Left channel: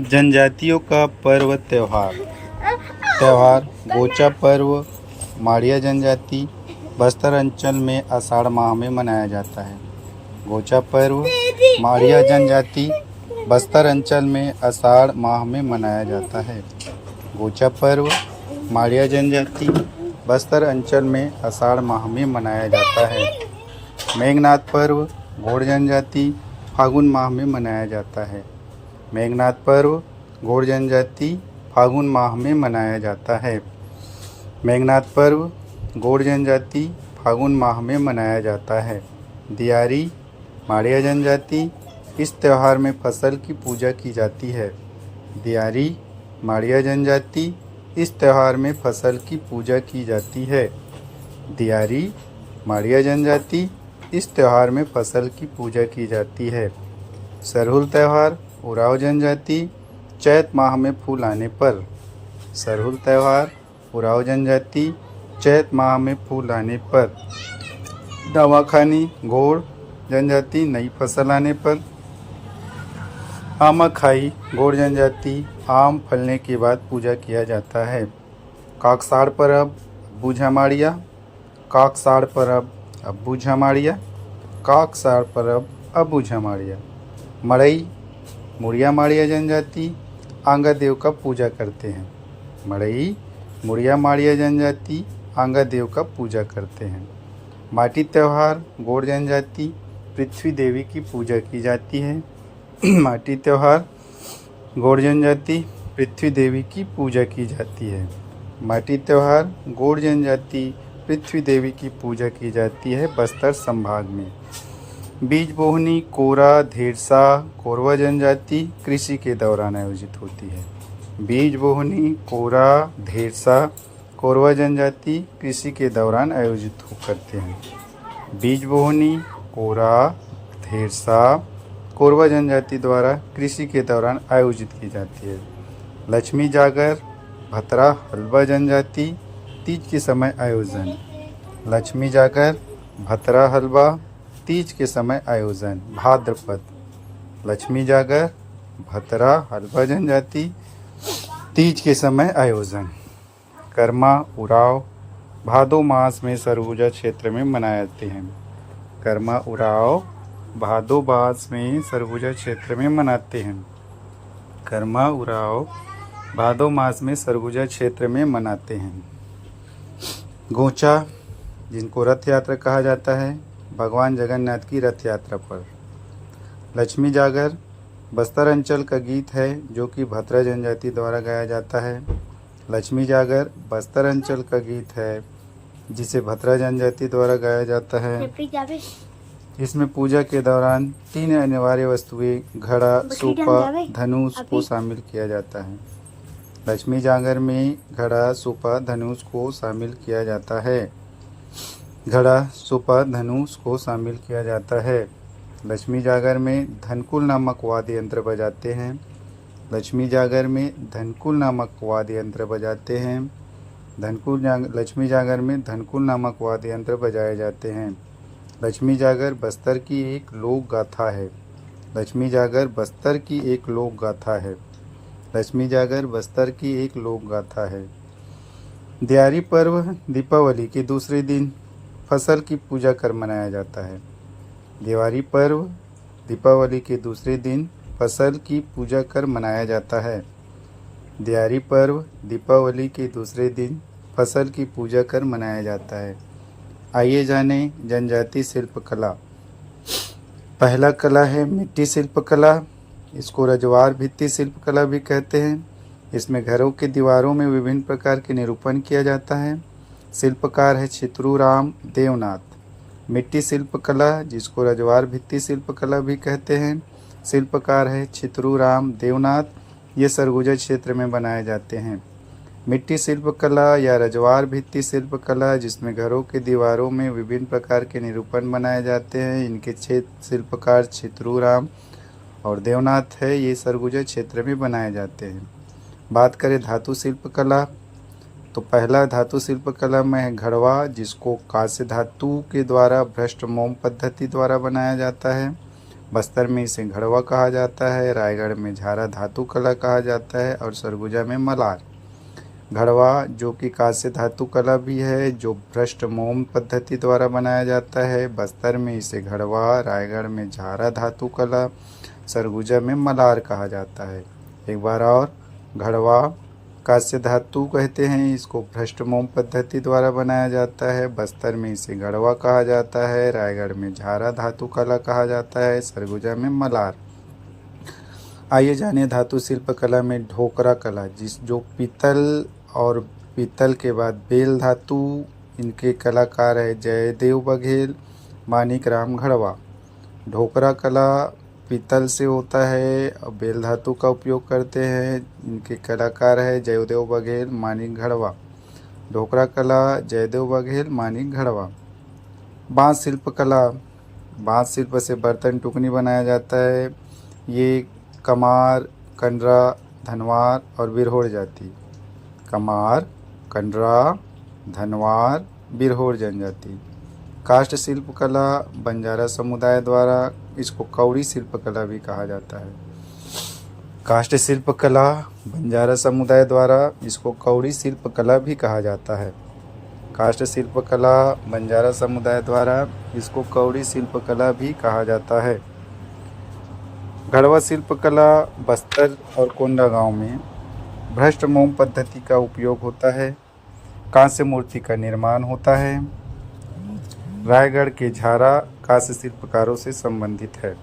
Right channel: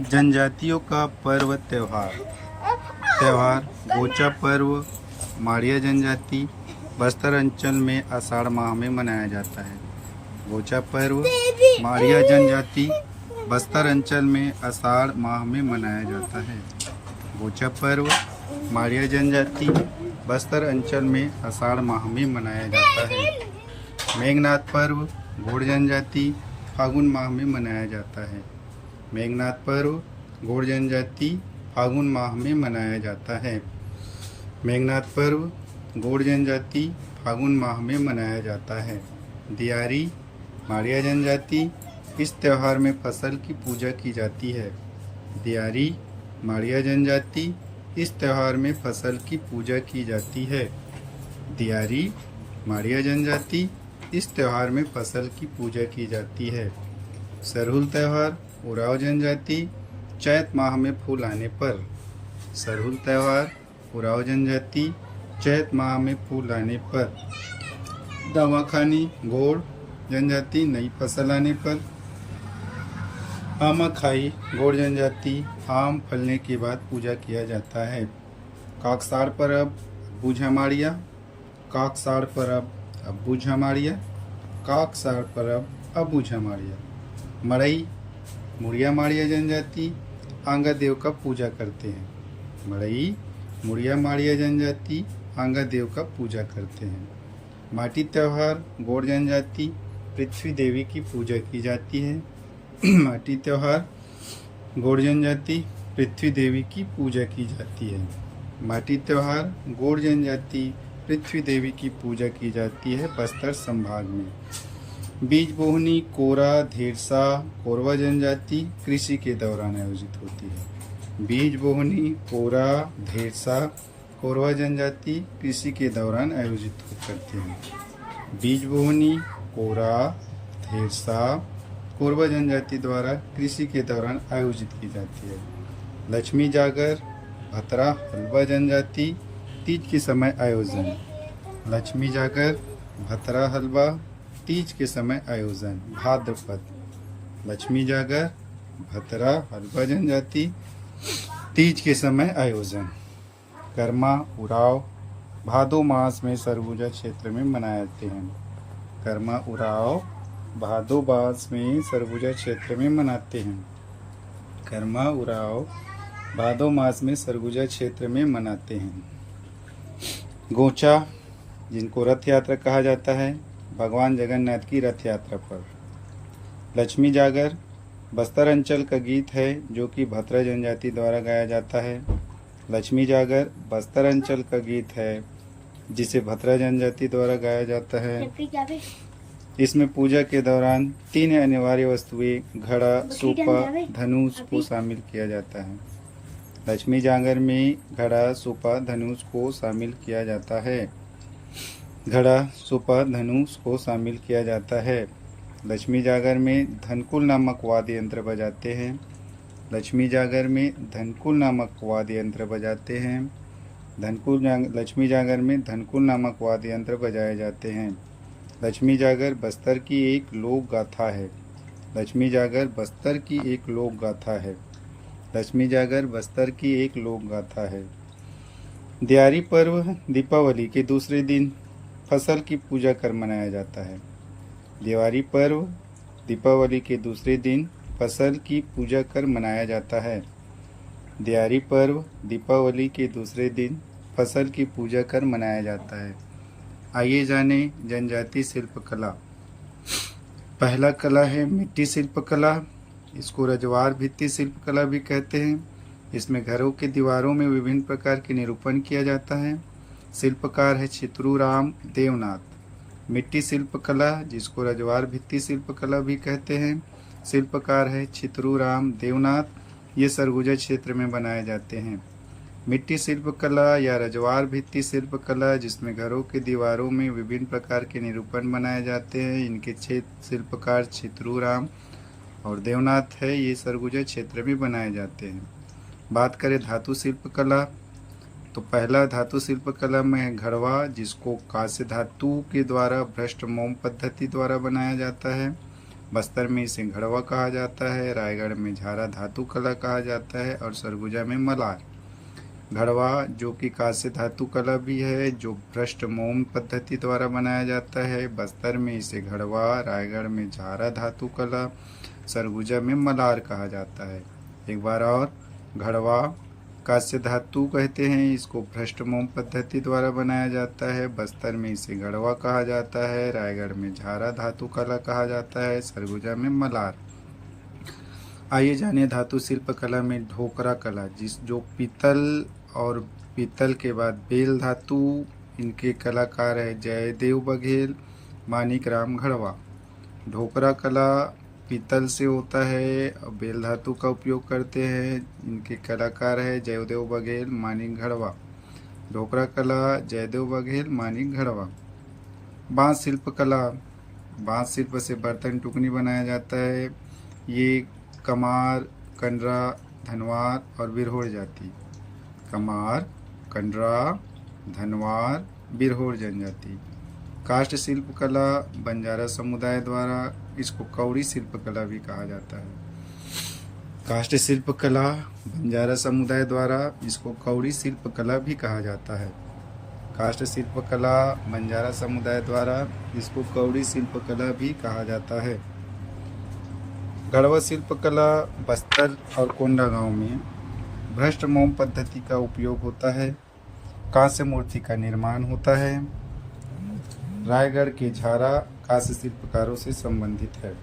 जनजातियों का पर्व त्यौहार गोचा पर्व माड़िया जनजाति बस्तर अंचल में आषाढ़ माह में मनाया जाता है। गोचा पर्व माड़िया जनजाति बस्तर अंचल में आषाढ़ माह में मनाया जाता है। गोचा पर्व माड़िया जनजाति बस्तर अंचल में आषाढ़ माह में मनाया जाता है। मेघनाथ पर्व घोड़ जनजाति फागुन माह में मनाया जाता है। मेघनाथ पर्व घोड़ जनजाति फागुन माह में मनाया जाता है। मेघनाथ पर्व घोड़ जनजाति फागुन माह में मनाया जाता है। दियारी माड़िया जनजाति इस त्यौहार में फसल की पूजा की जाती है। दियारी माड़िया जनजाति इस त्यौहार में फसल की पूजा की जाती है। दियारी माड़िया जनजाति इस त्यौहार में फसल की पूजा की जाती है। सरहुल त्यौहार उराव जनजाति चैत माह में फूल आने पर। सरहुल त्यौहार उराव जनजाति चैत माह में फूल आने पर। नवाखानी घोड़ जनजाति नई फसल आने पर। आमाखाई घोड़ जनजाति आम फलने के बाद पूजा किया जाता है। काकसाड़ परब बूझा माड़िया काकसाड़ परब अबूझा माड़िया काकसाड़ परब अबूझा माड़िया। मड़ई मुड़िया माड़िया जनजाति आंगा देव का पूजा करते हैं। मड़ई मुड़िया माड़िया जनजाति आंगा देव का पूजा करते हैं। माटी त्यौहार गोड़ जनजाति पृथ्वी देवी की पूजा की जाती है। माटी त्यौहार गोड़ जनजाति पृथ्वी देवी की पूजा की जाती है। माटी त्यौहार गोड़ जनजाति पृथ्वी देवी की पूजा की जाती है बस्तर संभाग में। बीज बोहनी कोरा धेरसा कोरवा जनजाति कृषि के दौरान आयोजित होती है। बीज बोहनी कोरा धेरसा कोरवा जनजाति कृषि के दौरान आयोजित करते हैं। बीज बोहनी कोरा धेरसा कोरवा जनजाति द्वारा कृषि के दौरान आयोजित की जाती है। लक्ष्मी जागर भतरा हलवा जनजाति तीज के समय आयोजन। लक्ष्मी जागर भतरा हलवा तीज के समय आयोजन भाद्रपद। लक्ष्मी जागर भतरा हलवा जनजाति तीज के समय आयोजन। कर्मा उराव भादो मास में सरगुजा क्षेत्र में मनाए जाते हैं। कर्मा उराव भादो मास में सरगुजा क्षेत्र में मनाते हैं। कर्मा उराव भादो मास में सरगुजा क्षेत्र में मनाते हैं। गोचा जिनको रथ यात्रा कहा जाता है भगवान जगन्नाथ की रथ यात्रा पर। लक्ष्मी जागर बस्तर अंचल का गीत है जो कि भतरा जनजाति द्वारा गाया जाता है। लक्ष्मी जागर बस्तर अंचल का गीत है जिसे भतरा जनजाति द्वारा गाया जाता है। इसमें पूजा के दौरान 3 अनिवार्य वस्तुएं घड़ा सूपा धनुष को शामिल किया जाता है। लक्ष्मी जागर में घड़ा सूपा धनुष को शामिल किया जाता है। घड़ा सूपा धनुष को शामिल किया जाता है। लक्ष्मी जागर में धनकुल नामक वाद्य यंत्र बजाते हैं। लक्ष्मी जागर में धनकुल नामक वाद्य यंत्र बजाते हैं। लक्ष्मी जागर में धनकुल नामक वाद्य यंत्र बजाए जाते हैं। लक्ष्मी जागर बस्तर की एक लोक गाथा है। लक्ष्मी जागर बस्तर की एक लोक गाथा है। लक्ष्मी जागर बस्तर की एक लोक गाथा है। दियारी पर्व दीपावली के दूसरे दिन फसल की पूजा कर मनाया जाता है। दिवाली पर्व दीपावली के दूसरे दिन फसल की पूजा कर मनाया जाता है। दियारी पर्व दीपावली के दूसरे दिन फसल की पूजा कर मनाया जाता है। आइए जाने जनजाति शिल्पकला। पहला कला है मिट्टी शिल्पकला। इसको रजवार भित्ति शिल्पकला भी कहते हैं। इसमें घरों के दीवारों में विभिन्न प्रकार के निरूपण किया जाता है। शिल्पकार है छितरूराम देवनाथ। मिट्टी शिल्पकला जिसको रजवार भित्ति शिल्पकला भी कहते हैं। शिल्पकार है छितरूराम देवनाथ। ये सरगुजा क्षेत्र में बनाए जाते हैं। मिट्टी शिल्पकला या रजवार भित्ति शिल्पकला जिसमें घरों के दीवारों में विभिन्न प्रकार के निरूपण बनाए जाते हैं। इनके शिल्पकार छितरूराम और देवनाथ है। ये सरगुजा क्षेत्र में बनाए जाते हैं। बात करें धातु शिल्पकला तो पहला धातु शिल्पकला में है घड़वा जिसको कांस्य धातु के द्वारा भ्रष्ट मोम पद्धति द्वारा बनाया जाता है। बस्तर में इसे घड़वा कहा जाता है, रायगढ़ में झारा धातु कला कहा जाता है और सरगुजा में मलार। घड़वा जो कि कांस्य धातु कला भी है, जो भ्रष्ट मोम पद्धति द्वारा बनाया जाता है। बस्तर में इसे घड़वा, रायगढ़ में झारा धातु कला, सरगुजा में मलार कहा जाता है। एक बार और, घड़वा कांस्य धातु कहते हैं, इसको भ्रष्ट मोम पद्धति द्वारा बनाया जाता है। बस्तर में इसे घड़वा कहा जाता है, रायगढ़ में झारा धातु कला कहा जाता है, सरगुजा में मलार। आइए जानिए धातु शिल्प कला में ढोकरा कला, जो पीतल और पीतल के बाद बेल धातु, इनके कलाकार है जयदेव बघेल, मानिक राम घड़वा। ढोकरा कला पीतल से होता है और बेल धातु का उपयोग करते हैं, इनके कलाकार है जयदेव बघेल, मानिक घड़वा। ढोकरा कला जयदेव बघेल, मानिक घड़वा। बांस शिल्प कला, बांस शिल्प से बर्तन टुकनी बनाया जाता है। ये कमार, कंडरा, धनवार और बिरहोर जाति। कमार, कंडरा, धनवार, बिरहोर जनजाति। काष्ठ शिल्प कला बंजारा समुदाय द्वारा, इसको कौड़ी शिल्प कला भी कहा जाता है। काष्ठ शिल्प कला बंजारा समुदाय द्वारा, इसको कौड़ी शिल्प कला भी कहा जाता है। काष्ठ शिल्प कला बंजारा समुदाय द्वारा, इसको कौड़ी शिल्प कला भी कहा जाता है। घड़वा शिल्प कला बस्तर और कोंडागांव में भ्रष्ट मोम पद्धति का उपयोग होता है। कांस्य मूर्ति का निर्माण होता है। रायगढ़ के झारा कांस्य शिल्पकारों से संबंधित है।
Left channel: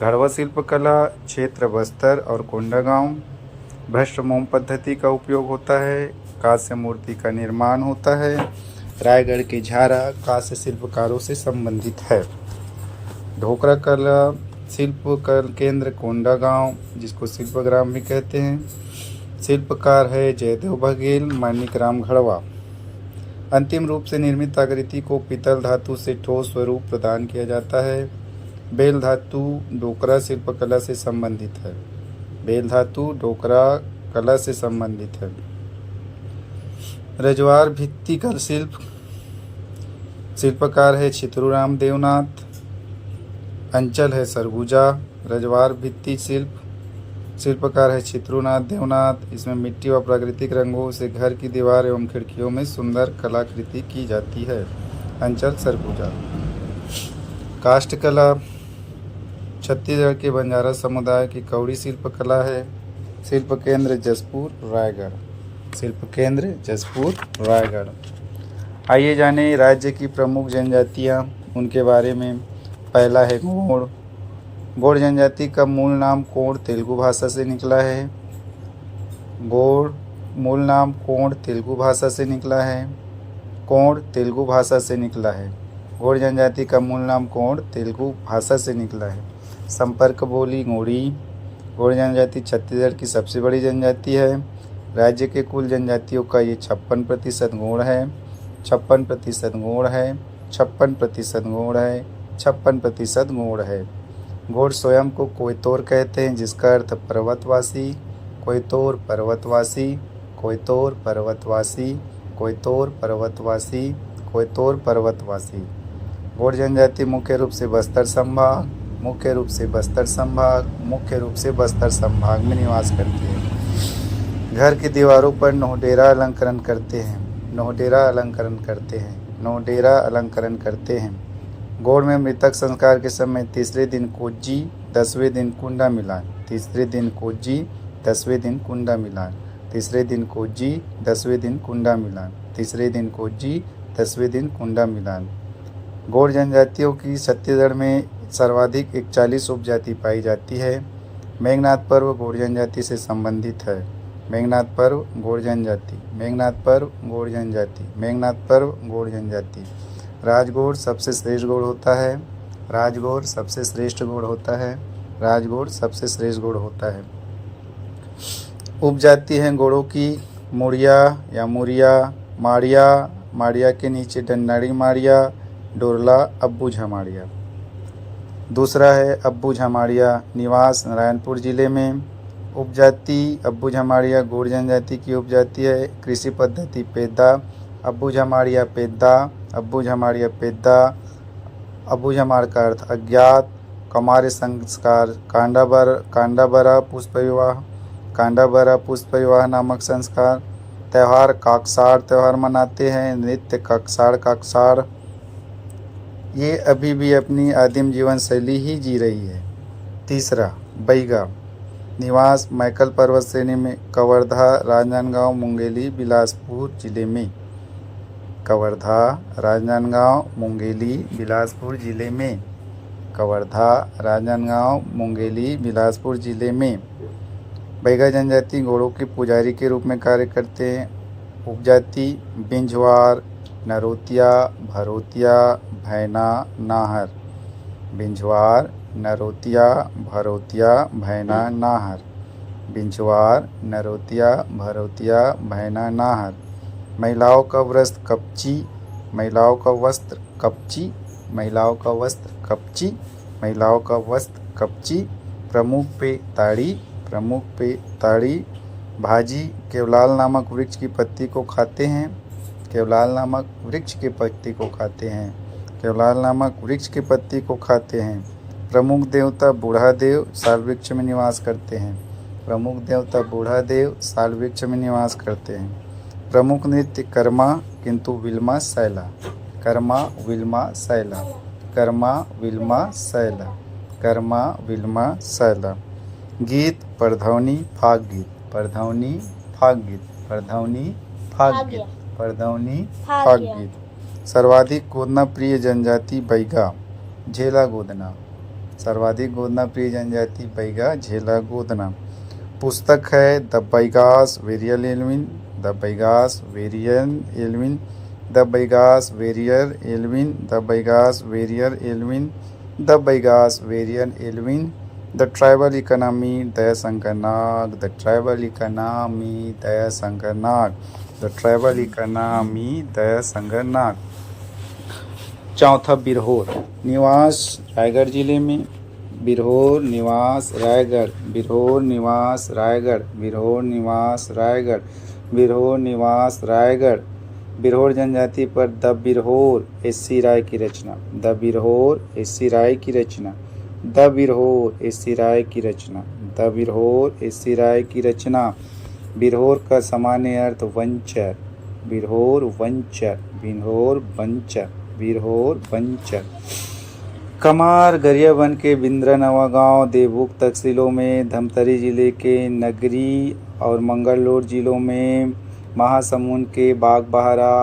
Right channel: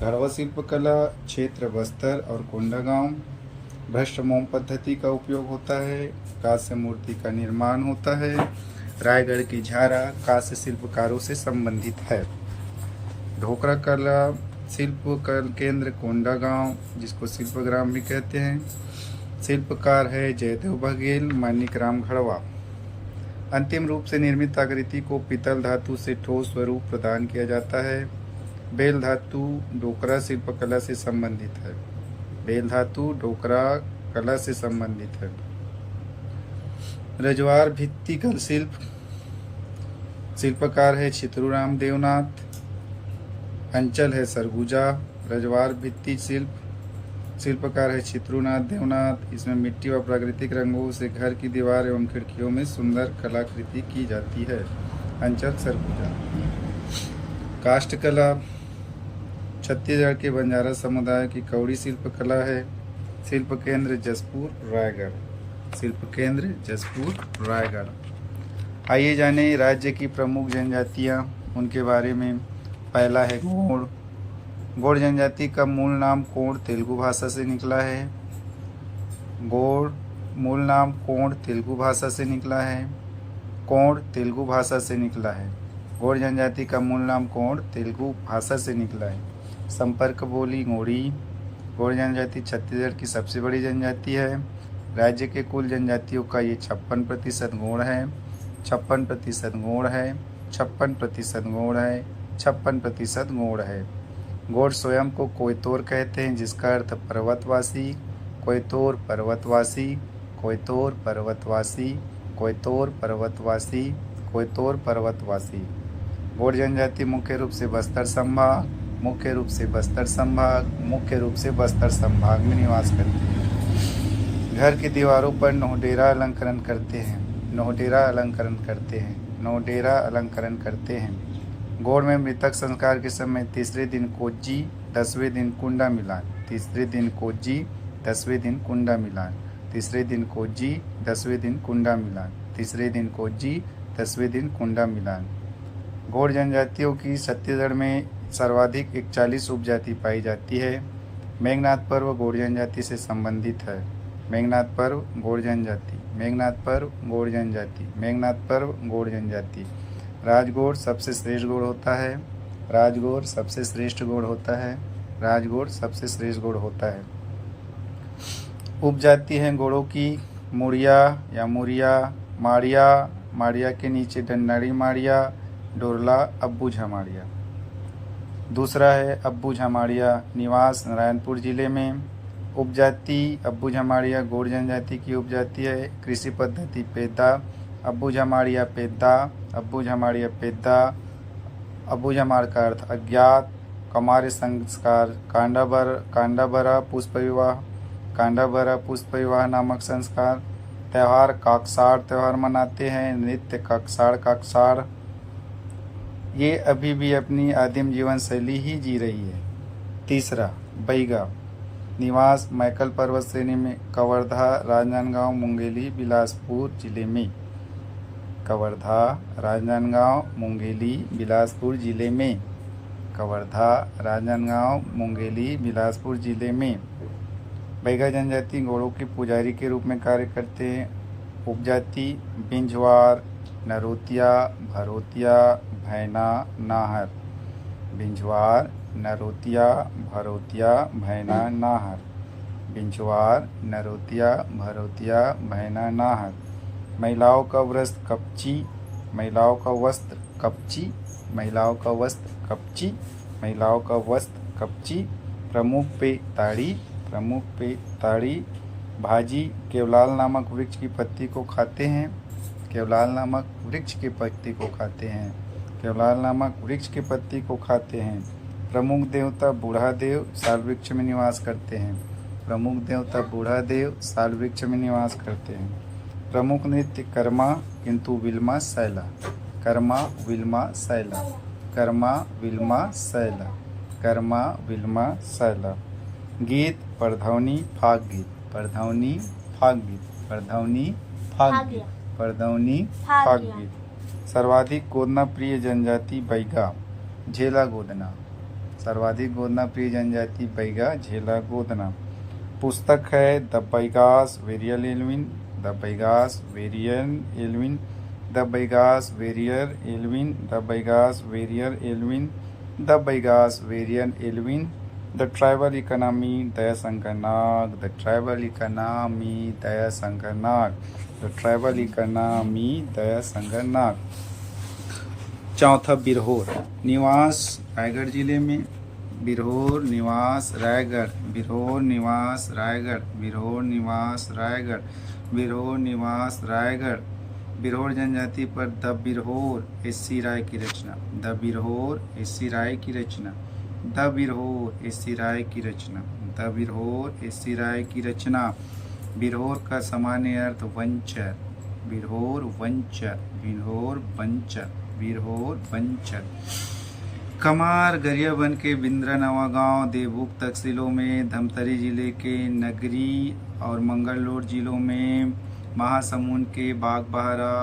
घड़वा शिल्प कला क्षेत्र बस्तर और कोंडागांव, भ्रष्ट मोम पद्धति का उपयोग होता है। कांस्य मूर्ति का निर्माण होता है। रायगढ़ के झारा कांस्य शिल्पकारों से संबंधित है। ढोकरा कला शिल्प केंद्र कोंडागांव, जिसको शिल्पग्राम भी कहते हैं। शिल्पकार है जयदेव बघेल, मानिक राम घड़वा। अंतिम रूप से निर्मित आकृति को पीतल धातु से ठोस स्वरूप प्रदान किया जाता है। बेल धातु ढोकरा शिल्प कला से संबंधित है। बेल धातु ढोकरा कला से संबंधित है। रजवार भित्ति कल शिल्प, शिल्पकार है चित्रूराम देवनाथ। अंचल है सरगुजा। रजवार भित्ति शिल्प, शिल्पकार है चित्रूनाथ देवनाथ। इसमें मिट्टी व प्राकृतिक रंगों से घर की दीवार एवं खिड़कियों में सुंदर कलाकृति की जाती है। अंचल सरगुजा। काष्ठ कला छत्तीसगढ़ के बंजारा समुदाय की कौड़ी शिल्प कला है। शिल्प केंद्र जसपुर, रायगढ़। शिल्प केंद्र जसपुर, रायगढ़। आइए जाने राज्य की प्रमुख जनजातियाँ, उनके बारे में। पहला है गोंड। गोंड जनजाति का मूल नाम कोंड तेलुगु भाषा से निकला है। गोंड मूल नाम कोंड तेलुगु भाषा से निकला है। कोंड तेलुगु भाषा से निकला है। गोंड जनजाति का मूल नाम कोंड तेलुगु भाषा से निकला है। संपर्क बोली गोंडी। गोंड जनजाति छत्तीसगढ़ की सबसे बड़ी जनजाति है। राज्य के कुल जनजातियों का ये 56% गोंड है। 56% गोंड है। 56% गोंड है। 56% गोंड है। गोंड स्वयं को कोयतोर कहते हैं, जिसका अर्थ पर्वतवासी। कोयतोर पर्वतवासी, कोयतोर पर्वतवासी, कोयतोर पर्वतवासी, कोयतोर पर्वतवासी। गोंड जनजाति मुख्य रूप से बस्तर संभाग, मुख्य रूप से बस्तर संभाग, मुख्य रूप से बस्तर संभाग में निवास करती है। घर की दीवारों पर नोहडेरा अलंकरण करते हैं। नोहडेरा अलंकरण करते हैं। नोहडेरा अलंकरण करते हैं। गोंड में मृतक संस्कार के समय तीसरे दिन कोज्जी, 10वें दिन कुंडा मिलान। तीसरे दिन कोज्जी, 10वें दिन कुंडा मिलान। तीसरे दिन कोज्जी, 10वें दिन कुंडा मिलान। तीसरे दिन कोज्जी, 10वें दिन कुंडा मिलान। गोंड जनजातियों की छत्तीसगढ़ में सर्वाधिक 41 उपजाति पाई जाती है। मेघनाथ पर्व गोंड जनजाति से संबंधित है। मेघनाथ पर्व गोंड जनजाति। मेघनाथ पर्व गोंड जनजाति। मेघनाथ पर्व गोंड जनजाति। राजगोड़ सबसे श्रेष्ठ गोड़ होता है। राजगोड़ सबसे श्रेष्ठ गोड़ होता है। राजगोड़ सबसे श्रेष्ठ गोड़ होता है। उपजाति हैं गोड़ों की मुड़िया या मुरिया, माड़िया, माड़िया के नीचे डंडाड़ी माड़िया, डोरला, अब्बू झमाड़िया। दूसरा है अब्बू झमाड़िया, निवास नारायणपुर जिले में। उपजाति अब्बू झमाड़िया गोंड जनजाति की उपजाति है। कृषि पद्धति पेद्दा। अब्बू झमाड़िया पेद्दा। अब्बू झमाड़िया पेद्दा। अब्बू झमाड़ का अर्थ अज्ञात। कौमार्य संस्कार, कांडाभरा पुष्प विवाह, कांडाभरा पुष्प विवाह नामक संस्कार। त्यौहार, काकसाड़ त्यौहार मनाते हैं। नृत्य, काकसाड़। ये अभी भी अपनी आदिम जीवन शैली ही जी रही है। तीसरा, बैगा। निवास, मैकल पर्वत श्रेणी में, कवर्धा, राजनांदगांव, मुंगेली, बिलासपुर जिले में। कवर्धा, राजनांदगांव, मुंगेली, बिलासपुर जिले में। कवर्धा, राजनांदगांव, मुंगेली, बिलासपुर जिले में। बैगा जनजाति घोड़ों के पुजारी के रूप में कार्य करते हैं। उपजाति, बिंझवार, नरोतिया, भरोतिया, भैना, नाहर। बिंझवार, नरोतिया, भरोतिया, भैना, नाहर। बिंझवार, नरोतिया, भरोतिया, भैना, नाहर। महिलाओं का वस्त्र कपची, महिलाओं का वस्त्र कपची, महिलाओं का वस्त्र कपची, महिलाओं का वस्त्र कपची। प्रमुख पे ताड़ी, प्रमुख पे ताड़ी। भाजी, केवलाल नामक वृक्ष की पत्ती को खाते हैं। केवलाल नामक वृक्ष के पत्ती को खाते हैं। केवलाल नामक वृक्ष के पत्ती को खाते हैं। प्रमुख देवता बूढ़ा देव साल वृक्ष में निवास करते हैं। प्रमुख देवता बूढ़ा देव साल वृक्ष में निवास करते हैं। प्रमुख नृत्य कर्मा, किंतु Wilma, Saila. Karma, Wilma, Saila. Karma, Wilma, Saila. Karma, Wilma, Saila. गीत, परधौनी, फाग गीत, परधौनी, फाग गीत, परधौनी, फाग गीत, परधौनी, फाग गीत। सर्वाधिक गोदना प्रिय जनजाति बैगा, झेला गोदना। सर्वाधिक गोदना प्रिय जनजाति बैगा, झेला गोदना। पुस्तक है the Baigas Verrier Elwin, the Baigas Verrier Elwin, the Baigas Verrier Elwin, the Baigas Verrier Elwin, the Baigas Verrier Elwin. The tribal economy Daya Shankar Nag, the tribal economy Daya Shankar Nag, the tribal economy Daya Shankar Nag. चौथा, बिरहोर। निवास, रायगढ़ जिले में। बिरहोर निवास, रायगढ़। बिरहोर निवास, रायगढ़। बिरहोर निवास, रायगढ़। बिरहोर निवास, रायगढ़। बिरहोर जनजाति पर द बिरहोर एस.सी. राय की रचना, द बिरहोर एस.सी. राय की रचना, द बिरहोर एस.सी. राय की रचना, द बिरहोर एस.सी. राय की रचना। बिरहोर का सामान्य अर्थ वंचर, बिरहोर वंचर, बिरहोर वंचर, बिरहोर वंचर। कमार, गरियाबंद के बिंद्रा नवागांव, देवभूख तहसीलों में, धमतरी जिले के नगरी और मंगललोर जिलों में, महासमुंद के बागबहरा,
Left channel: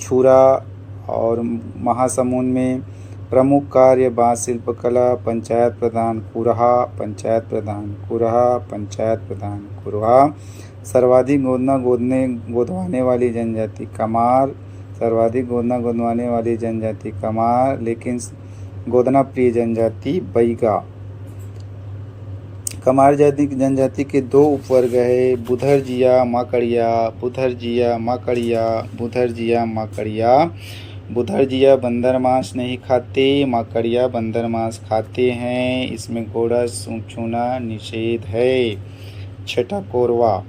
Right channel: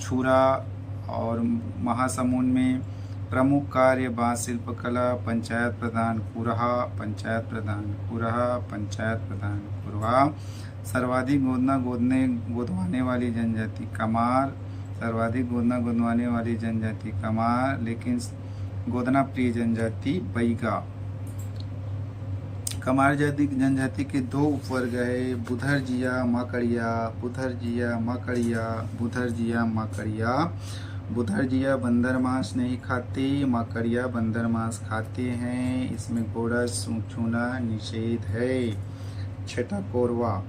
छुरा और महासमुंद में। प्रमुख कार्य, बाँस शिल्पकला। पंचायत प्रधान कुरहा, पंचायत प्रधान कुरहा, पंचायत प्रधान कुरहा। सर्वाधिक गोदवाने वाली जनजाति कमार, सर्वाधिक गोदवाने वाली जनजाति कमार, लेकिन गोदना प्रिय जनजाति बैगा। कमार जाति जनजाति के दो उपवर्ग है, बुधरजिया, माकड़िया, बुधरजिया, माकड़िया, बुधरजिया, माकड़िया। बुधरजिया बंदर मांस नहीं खाते, माकड़िया बंदर मांस खाते हैं। इसमें घोड़ा छूना निषेध है। छठा, कोरवा।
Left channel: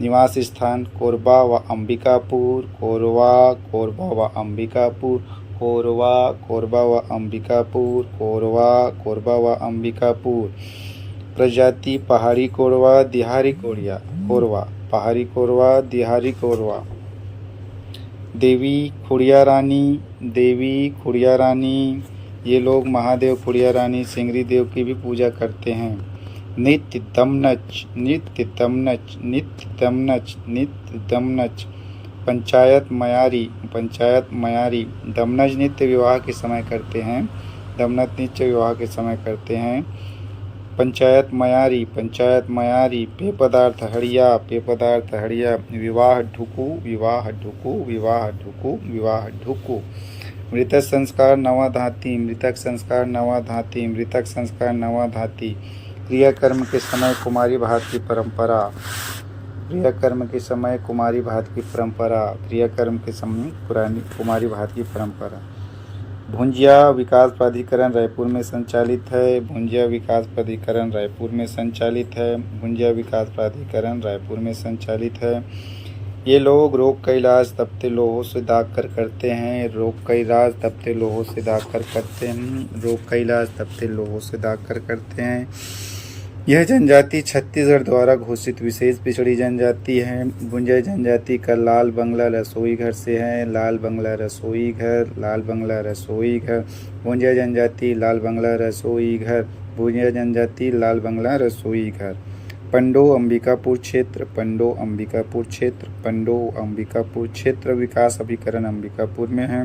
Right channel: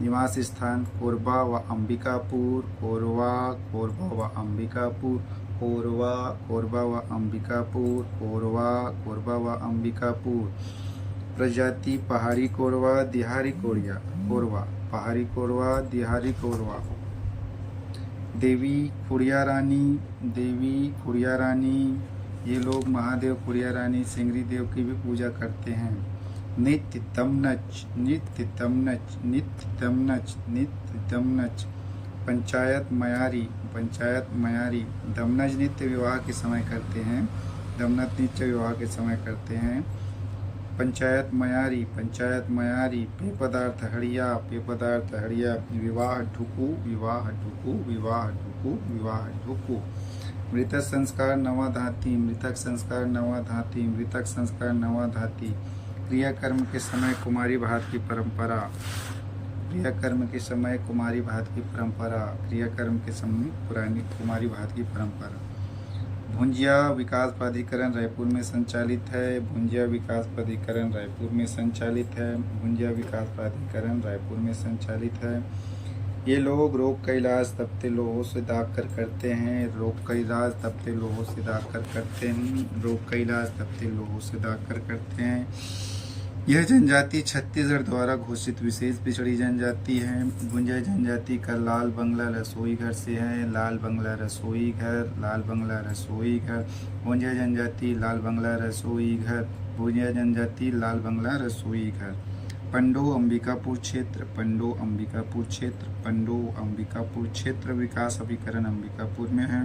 निवास स्थान कोरबा व अंबिकापुर, कोरवा, कोरबा व अंबिकापुर, कोरवा, कोरबा व अंबिकापुर, कोरवा, कोरबा व अंबिकापुर। प्रजाति पहाड़ी कोरवा, दिहारी कोरिया कोरवा, पहाड़ी कोरवा, दिहारी कोरवा। देवी खुड़िया रानी, देवी खुड़िया रानी, ये लोग महादेव खुड़िया रानी सिंगरी देव की भी पूजा करते हैं। नित्य दमनच, नित्य दमनच, नित्य दमनच, नित्य दमनच। पंचायत मयारी, पंचायत मयारी। दमनज नित्य विवाह के समय करते हैं, दमनत नित्य विवाह के समय करते हैं। पंचायत मयारी, पंचायत मयारी। पेय पदार्थ हड़िया, पेय पदार्थ हड़िया। विवाह ढुकू, विवाह ढुकू, विवाह ढुकू, विवाह ढुकू। मृतक संस्कार नवाधाती, मृतक संस्कार नवाधाती, मृतक संस्कार नवाधाती। क्रियाकर्म के समय कुमारी भात की परंपरा, क्रियाकर्म के समय कुमारी भात की परंपरा, क्रियाकर्म के समय कुमारी भात की परंपरा। भुंजिया विकास प्राधिकरण रायपुर में संचालित है, भुंजिया विकास प्राधिकरण रायपुर में संचालित है, भुंजिया विकास प्राधिकरण रायपुर में संचालित है। ये लोग रोग का इलाज तपते लोहों से दाग कर करते हैं। रोग का इलाज तपते लोहों से दाग कर करते हैं। रोग का इलाज तपते लोहों से दाग कर करते हैं। यह जनजाति छत्तीसगढ़ द्वारा घोषित विशेष पिछड़ी जनजाति है। गुंजर जनजाति का लाल बंगला रसोई घर से है। लाल बंगला रसोई घर, लाल बंगला रसोई घर। गुंजर जनजाति लाल बंगला रसोई घर। गुंजर जनजाति लाल बंगला रसोई घर। पंडो अंबिकापुर क्षेत्र, पंडो अंबिकापुर क्षेत्र, पंडो अंबिकापुर क्षेत्र विकास अभिकरण अंबिकापुर में है।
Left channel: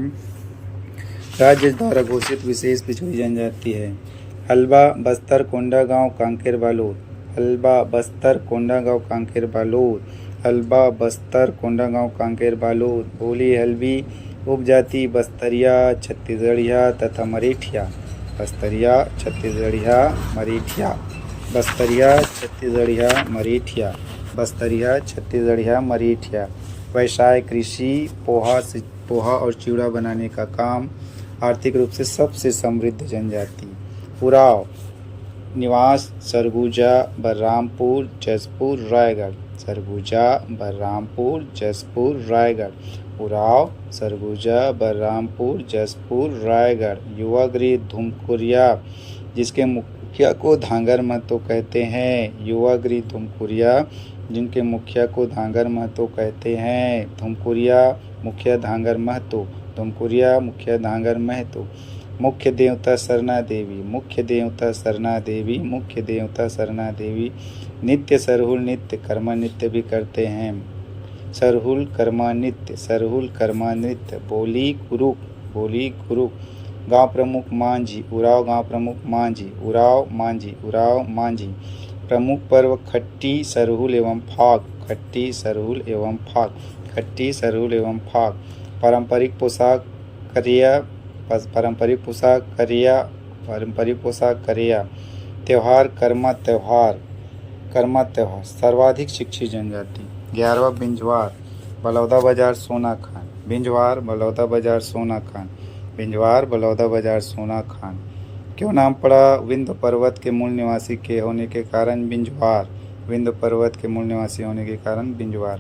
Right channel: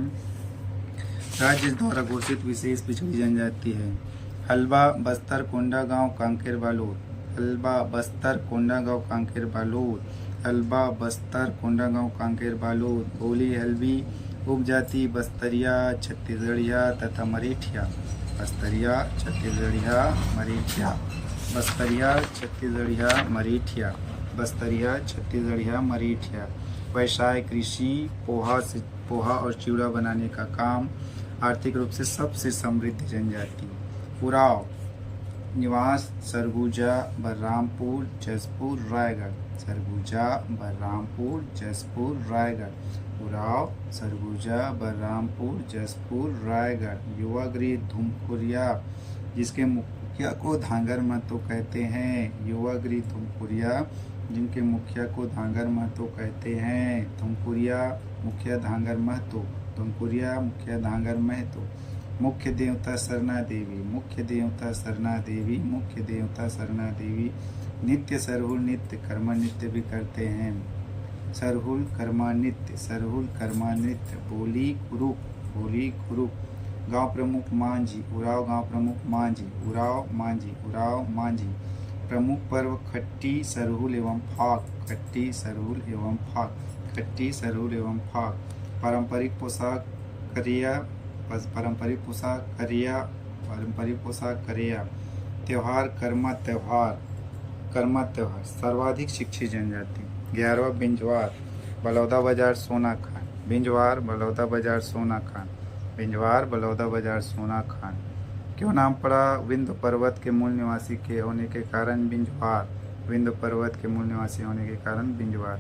राज्य द्वारा घोषित विशेष पिछड़ी जनजाति है। हलबा बस्तर कोंडागांव कांकेर बालोद। हलबा बस्तर कोंडागांव कांकेर बालोद। हलबा बस्तर कोंडागांव कांकेर बालोद। बोली हल्बी उपजाति बस्तरिया, छत्तीसगढ़िया तथा मरेठिया। बस्तरिया, छत्तीसगढ़िया, मरेठिया। बस्तरिया, छत्तीसगढ़िया, मरेठिया। बस्तरिया, छत्तीसगढ़िया, मरेठिया। व्यवसाय कृषि, पोहा और चिवड़ा बनाने का काम। आर्थिक रूप से सबसे समृद्ध जनजाति। उराव निवास सरगुजा, बलरामपुर, जसपुर, रायगढ़। सरगुजा, बलरामपुर, जसपुर, रायगढ़। उराव सरगुजा, बलरामपुर, जसपुर, रायगढ़। युवा गृह धुमकुरिया, जिसके मुखिया को धांगर महतो कहते हैं। युवा गृह धुमकुरिया, जिनके मुखिया को धांगर महतो कहते हैं। धुमकुरिया मुखिया धांगर महतो। धुमकुरिया मुखिया धांगर महतो। मुख्य देवता सरना देवी, मुख्य देवता सरना देवी, मुख्य देवता सरना देवी। नित्य सरहुल नृत्य कर्मा नृत्य भी करते हैं। सरहुल कर्मा नृत्य, सरहुल कर्मा नृत्य। बोली कुरुक, बोली कुरुक। गांव प्रमुख मांझी, उराव गांव प्रमुख मांझी, उराव मांझी, उराव मांझी। प्रमुख पर्व खट्टी सरहुल एवं फाग, खट्टी सरहुल एवं फाग, खट्टी सरहुल एवं फाग। पारंपरिक पोशाक करिया, पारंपरिक पोशाक करिया, पारंपरिक पोशाक करिया। त्यौहार कर्मा त्यौहार, कर्मा त्यौहार। सर्वाधिक शिक्षित जनजाति। 11वां बिंजवार, बलौदा बाजार, सोना खान। बिंजवार, बलौदा बाजार, सोना खान। बिंजवार, बलौदा बाजार, सोना खान। क्यों नाम पड़ा? विंध्य पर्वत के मूल निवासी के होने के कारण बिंजवार। विंध्य पर्वत के मूल निवासी होने के कारण बिंजवार।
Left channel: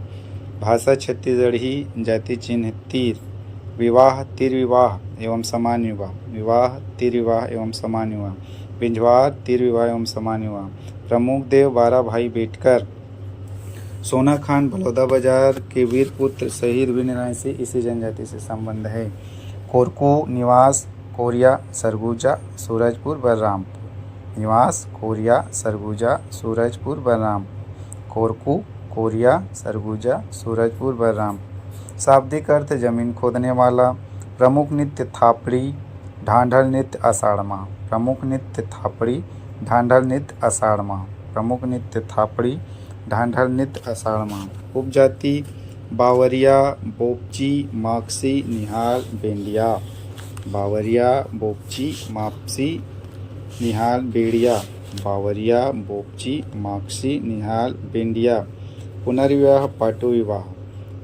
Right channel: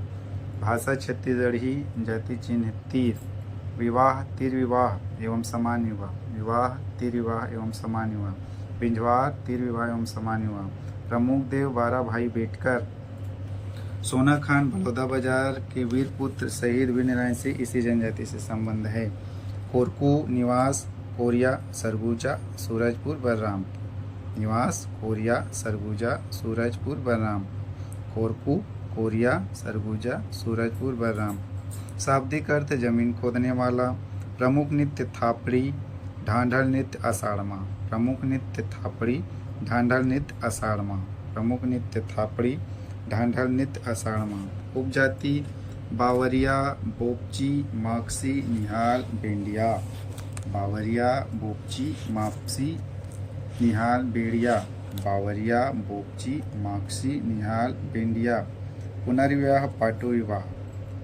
भाषा छत्तीसगढ़ी, जाति चिन्ह तीर। विवाह तीर विवाह एवं समान विवाह, विवाह तीर विवाह एवं समान विवाह। बिंजवार तीर विवाह एवं समान विवाह। प्रमुख देव 12 भाई बेटकर। सोना खान बलौदा बाजार के वीर पुत्र शहीद वीर नारायण से इसी जनजाति से संबंध है। कोरकू निवास कोरिया, सरगुजा, सूरजपुर, बलरामपुर। निवास कोरिया, सरगुजा, सूरजपुर, बलरामपुर। कोरकू, कोरिया, सरगुजा, सूरजपुर, बलरामपुर। शाब्दिक अर्थ जमीन खोदने वाला। प्रमुख नृत्य थापड़ी, ढांढल नृत्य आषाढ़ माह। प्रमुख नृत्य थापड़ी, ढांढल नृत्य आषाढ़ माह। प्रमुख नृत्य थापड़ी, ढांढल नृत्य आषाढ़ माह। उपजाति बावरिया, बोपची, माक्सी, निहाल, बेंडिया। बावरिया, बोपची, मापसी, निहाल, बेड़िया। बावरिया, बोपची, माक्सी, निहाल, बेंडिया। पुनर्विवाह, पाटो विवाह।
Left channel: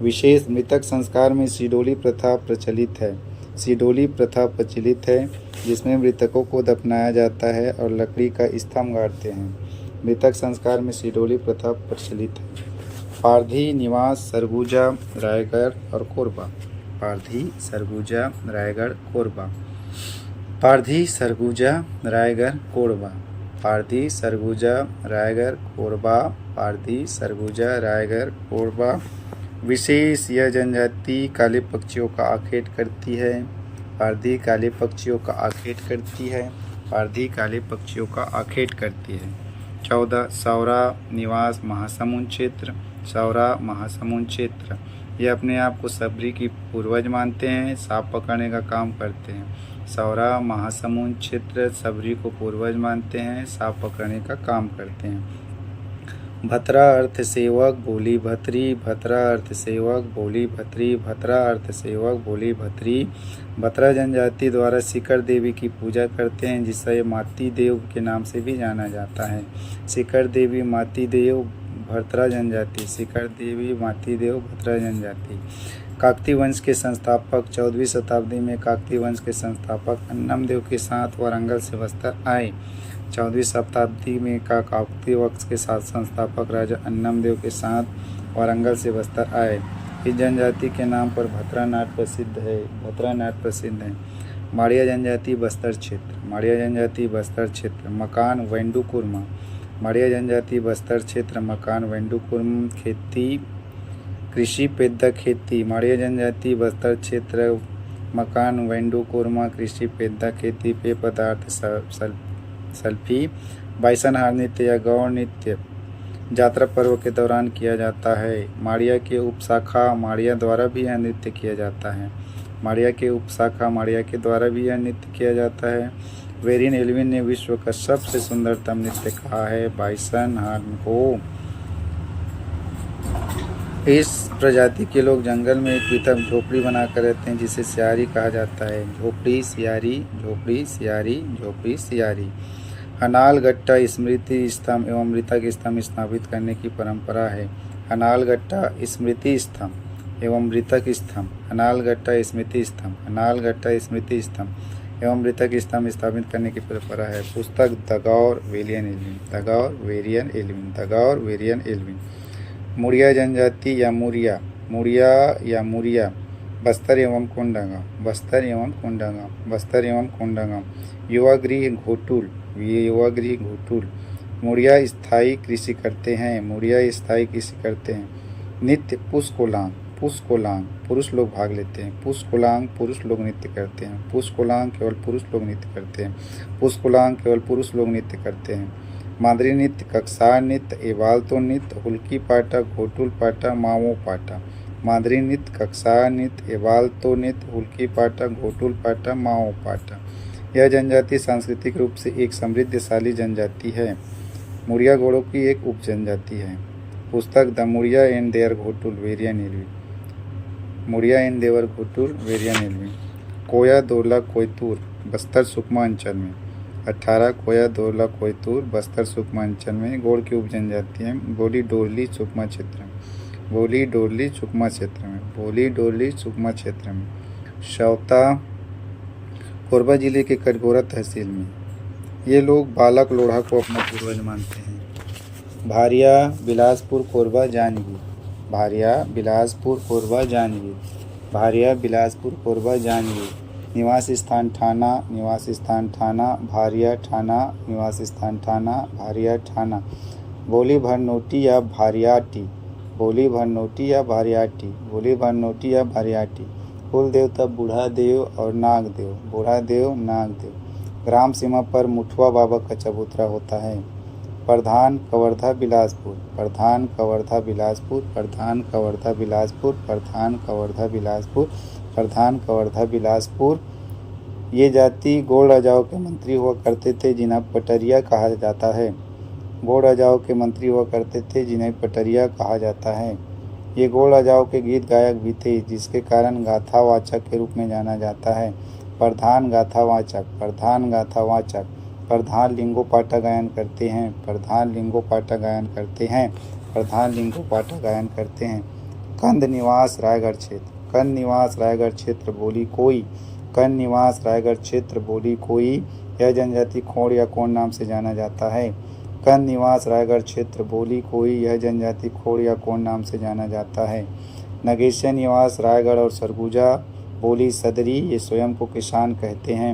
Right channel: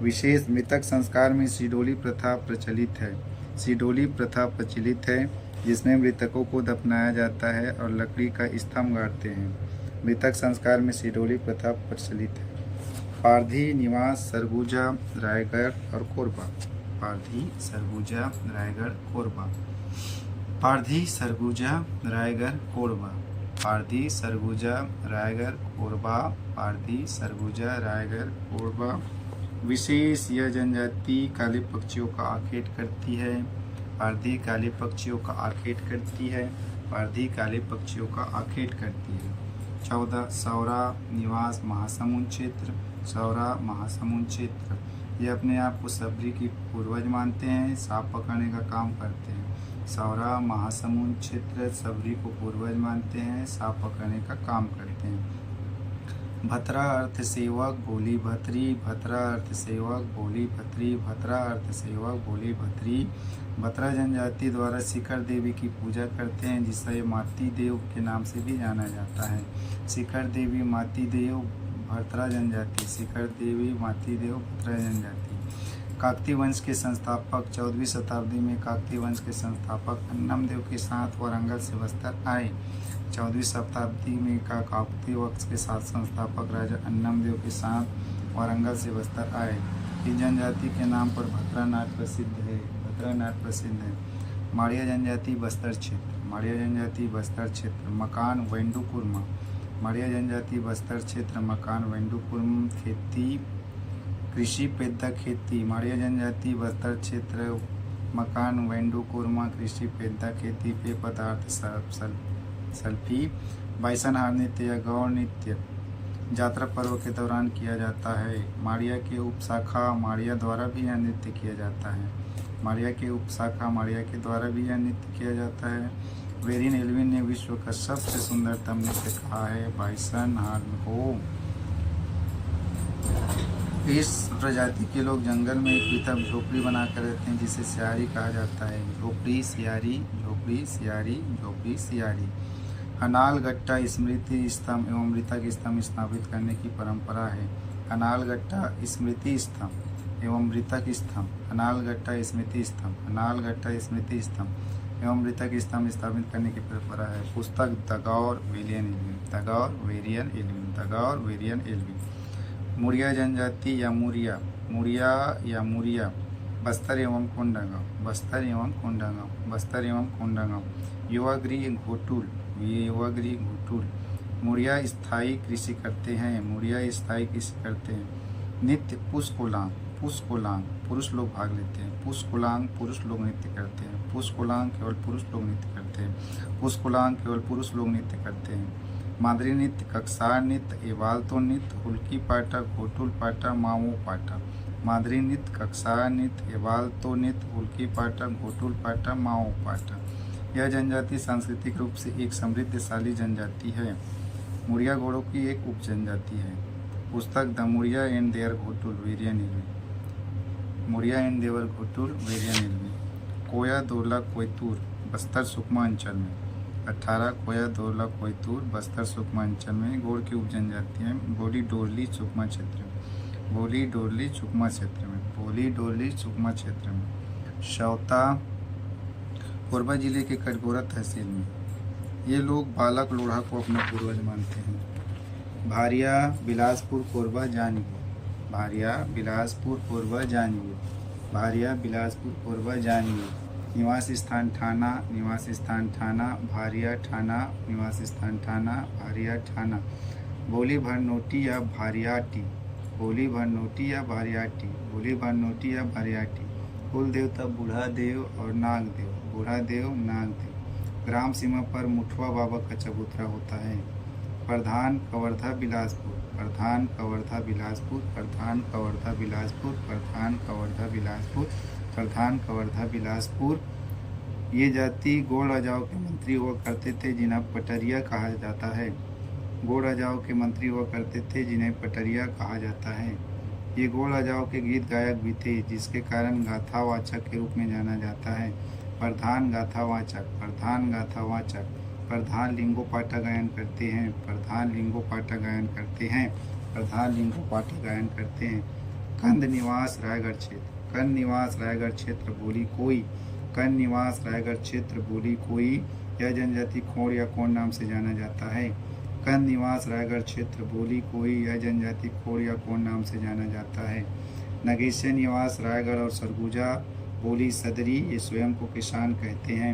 विशेष मृतक संस्कार में सिडोली प्रथा प्रचलित है। सिडोली प्रथा प्रचलित है, जिसमें मृतकों को दफनाया जाता है और लकड़ी का स्तंभ गाड़ते हैं। मृतक संस्कार में सिडोली प्रथा प्रचलित है। पारधी निवास सरगुजा, रायगढ़ और कोरबा। पारधी, सरगुजा, रायगढ़, कोरबा। पारधी, सरगुजा, रायगढ़, कोरबा। पारधी, सरगुजा, रायगढ़, कोरबा। पारधी, सरगुजा, रायगढ़, कोरबा। विशेष यह जनजाति काले पक्षियों का आखेट करती है। पारधी काले पक्षियों का आखेट करती है। पारधी काले पक्षियों का आखेट करती है। 14 सौरा निवास महासमुंद क्षेत्र, सौरा महासमुंद क्षेत्र। ये अपने आप को सबरी की पूर्वज मानते हैं, सांप पकड़ने का काम करते हैं। सौरा महासमुंद क्षेत्र सबरी को पूर्वज मानते हैं, सांप पकड़ने का काम करते हैं। भतरा अर्थ सेवक, बोली भतरी। भतरा अर्थ सेवक, बोली भतरी। भतरा अर्थ सेवक, बोली भतरी। भतरा जनजाति द्वारा सिकर देवी की पूजा करते हैं, जिसे माती देव के नाम से भी जाना जाता है। सिकर देवी, माती देव, भतरा जनजाति। सिकर देवी, माती देव, भतरा जनजाति। काकती वंश के संस्थापक 14वीं शताब्दी में काकती वंश के संस्थापक अन्नमदेव के साथ वारंगल से बस्तर आए। 14वीं शताब्दी में काकती वंश के साथ संस्थापक राजा अन्नमदेव के साथ वारंगल से बस्तर आए। इस जनजाति के नाम पर भतरा नाट प्रसिद्ध है। भतरा नाट प्रसिद्ध है। माड़िया जनजाति बस्तर क्षेत्र। माड़िया जनजाति बस्तर क्षेत्र। मकान वेंडुकुर्मा। माड़िया जनजाति बस्तर क्षेत्र। मकान वेंडुकुर्म। खेती कृषि पेद्दा खेती। माड़िया जनजाति बस्तर क्षेत्र। मकान वेंडुकुर्मा। कृषि पेद्दा खेती। पेय पदार्थ सल्फी। बाइसनहार नृत्य या गौड़ नृत्य यात्रा पर्व के दौरान किया जाता है। माड़िया के उपशाखा माड़िया द्वारा भी यह नृत्य किया जाता है। माड़िया के उपशाखा माड़िया के द्वारा भी यह नृत्य किया जाता है। वेरियन एल्विन ने विश्व का सबसे सुंदरतम नृत्य कहा है बाइसनहार को। इस प्रजाति के लोग जंगल में एक पृथक झोपड़ी बनाकर रहते हैं जिसे सियारी कहा जाता है। झोपड़ी सियारी, झोपड़ी सियारी, झोपड़ी सियारी। हनालगट्टा स्मृति स्तंभ एवं मृतक स्तंभ स्थापित करने की परंपरा है। हनालगट्टा स्मृति स्तंभ एवं मृतक स्तंभ। हनालगट्टा स्मृति स्तंभ, हनालगट्टा स्मृति स्तंभ एवं मृतक स्तंभ स्थापित करने की परंपरा है। पुस्तक the Gaur Verrier Elwin. The Gaur Verrier Elwin. The Gaur Verrier Elwin. Muria जनजाति या मुरिया। मुड़िया या मुरिया। बस्तर एवं कोंडागांव। बस्तर एवं कोंडागांव। बस्तर एवं कोंडागांव। युवागृह घोटुल। युवागृह घोटुल। मुड़िया स्थायी कृषि करते हैं। मुड़िया स्थायी कृषि करते हैं। नित्य पुष्कोलांग। पुष्कोलांग पुरुष लोग भाग लेते हैं। पुष्कोलांग पुरुष लोग नृत्य करते हैं। पुष्कोलांग केवल पुरुष लोग नृत्य करते हैं। पुष्कोलांग केवल पुरुष लोग नृत्य करते हैं। मादरी नृत्य, कक्सार नृत्य, एवाल्तो नृत्य, हुल्की पाटा, घोटुल पाटा, मावो पाटा। मादरी नृत्य, कक्सार नृत्य, एवाल्तो नृत्य, हुल्की पाटा, घोटुल पाटा, माओ पाटा। यह जनजाति सांस्कृतिक रूप से एक समृद्धशाली जनजाति है। मुड़िया घोड़ों की एक उप जनजाति है। पुस्तक the Muria and their ghotul Verrier Elwin. Muria and their ghotul Verrier Elwin. Koya दोला कोयतूर बस्तर सुकमा अंचल में। 18 कोया दोला कोयतूर बस्तर सुकमा अंचल में गोड़ की उप जनजाति है। बोली डोरली सुकमा क्षेत्र में। बोली डोरली सुकमा क्षेत्र में। बोली डोरली सुकमा क्षेत्र में। शौता कोरबा जिले के कटघोरा तहसील में। ये लोग बालक लोढ़ा को अपना पूर्वज मानते हैं। भारिया बिलासपुर कोरबा जांजगीर। भारिया बिलासपुर कोरबा जांजगीर। भारिया बिलासपुर कोरबा जांजगीर। निवास स्थान थाना। निवास स्थान थाना। भारिया थाना। निवास स्थान थाना। भारिया थाना। बोली भरनोटी या भारियाटी। बोली भरनोटी या भारियाटी। बोली भरनोटी या भारियाटी। कुल देवता बूढ़ा देव और नाग देव। बूढ़ा देव, नाग देव। ग्राम सीमा पर मुठवा बाबा का चबूतरा होता है। प्रधान कवर्धा बिलासपुर। प्रधान कवर्धा बिलासपुर। प्रधान कवर्धा बिलासपुर। प्रधान कवर्धा बिलासपुर। प्रधान कवर्धा बिलासपुर। ये जाति गोड़ राजाओं के मंत्री हुआ करते थे जिन्हें पटरिया कहा जाता है। गोड़ राजाओं के मंत्री हुआ करते थे जिन्हें पटरिया कहा जाता है। ये गोड़ राजाओं के गीत गायक भी थे जिसके कारण गाथावाचक के रूप में जाना जाता है। प्रधान गाथावाचक। प्रधान गाथावाचक। प्रधान लिंगो पाटा गायन करते हैं। प्रधान लिंगो पाटा गायन करते हैं। प्रधान लिंगो पाटा गायन करते हैं। कंद निवास रायगढ़ क्षेत्र। कंद निवास रायगढ़ क्षेत्र बोली कोई। कंद निवास रायगढ़ क्षेत्र बोली कोई। यह जनजाति खोड़ या कोण नाम से जाना जाता है। कंद निवास रायगढ़ क्षेत्र बोली कोई। यह जनजाति खोड़ या कोण नाम से जाना जाता है। नगेशिया निवास रायगढ़ और सरगुजा बोली सदरी। ये स्वयं को किसान कहते हैं।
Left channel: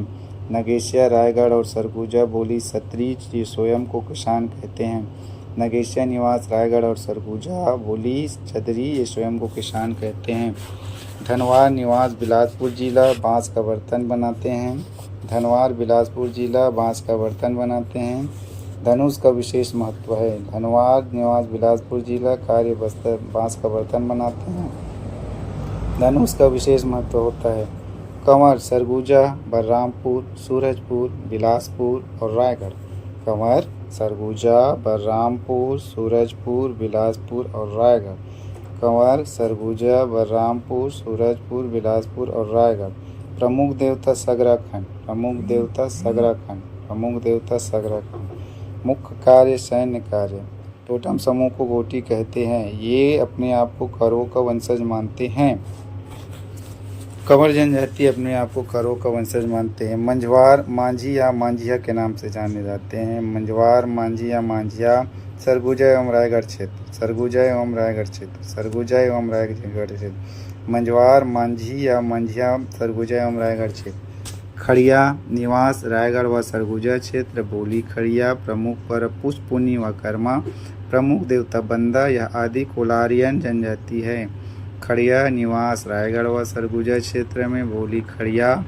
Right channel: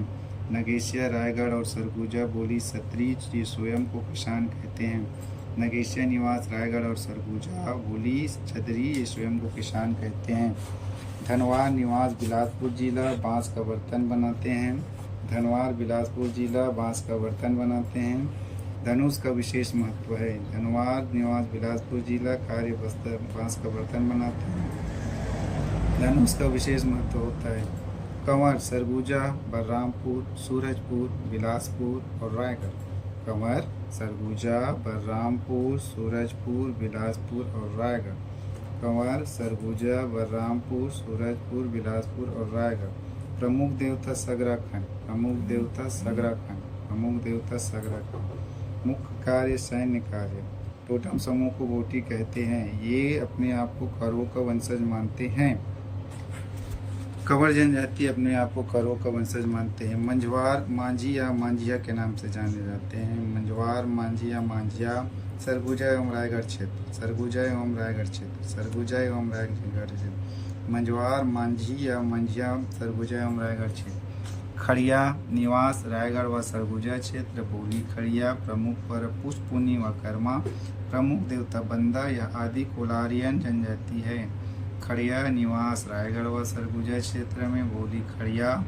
नगेशिया रायगढ़ और सरगुजा बोली सतरी। ये स्वयं को किसान कहते हैं। नगेशिया निवास रायगढ़ और सरगुजा बोली सदरी। ये स्वयं को किसान कहते हैं। धनवार निवास बिलासपुर जिला बांस का बर्तन बनाते हैं। धनवार बिलासपुर जिला बांस का बर्तन बनाते हैं। धनुष का विशेष महत्व है। धनवार निवास बिलासपुर जिला कार्य बस्तर बांस का बर्तन बनाते हैं। धनुष का विशेष महत्व होता है। कंवर सरगुजा बलरामपुर सूरजपुर बिलासपुर और रायगढ़। कंवर सरगुजा बलरामपुर सूरजपुर बिलासपुर और रायगढ़। कंवर सरगुजा बलरामपुर सूरजपुर बिलासपुर और रायगढ़। प्रमुख देवता सगराखंड। प्रमुख देवता सगराखंड। प्रमुख देवता सगराखंड। मुख्य कार्य सैन्य कार्य। टोटम समूह को गोटी कहते हैं। ये अपने आप को करो का वंशज मानते हैं। कंवर जनजाति अपने आप को करो का वंशज मानते हैं। मंझवार मांझी या मांझिया के नाम से जाने जाते हैं। मंझवार मांझी या मांझिया सरगुजा एवं रायगढ़ क्षेत्र, सरगुजा एवं रायगढ़ क्षेत्र, सरगुजा एवं रायगढ़ क्षेत्र। मंझवार, मांझी या मंझिया, सरगुजा एवं रायगढ़ क्षेत्र। खड़िया निवास रायगढ़ व सरगुजा क्षेत्र। बोली खड़िया प्रमुख पर पुष्पुनी व कर्मा, प्रमुख देवता बंदा, यह आदि कोलारियन जनजाति है। खड़िया निवास रायगढ़ व सरगुजा क्षेत्र में। बोली खड़िया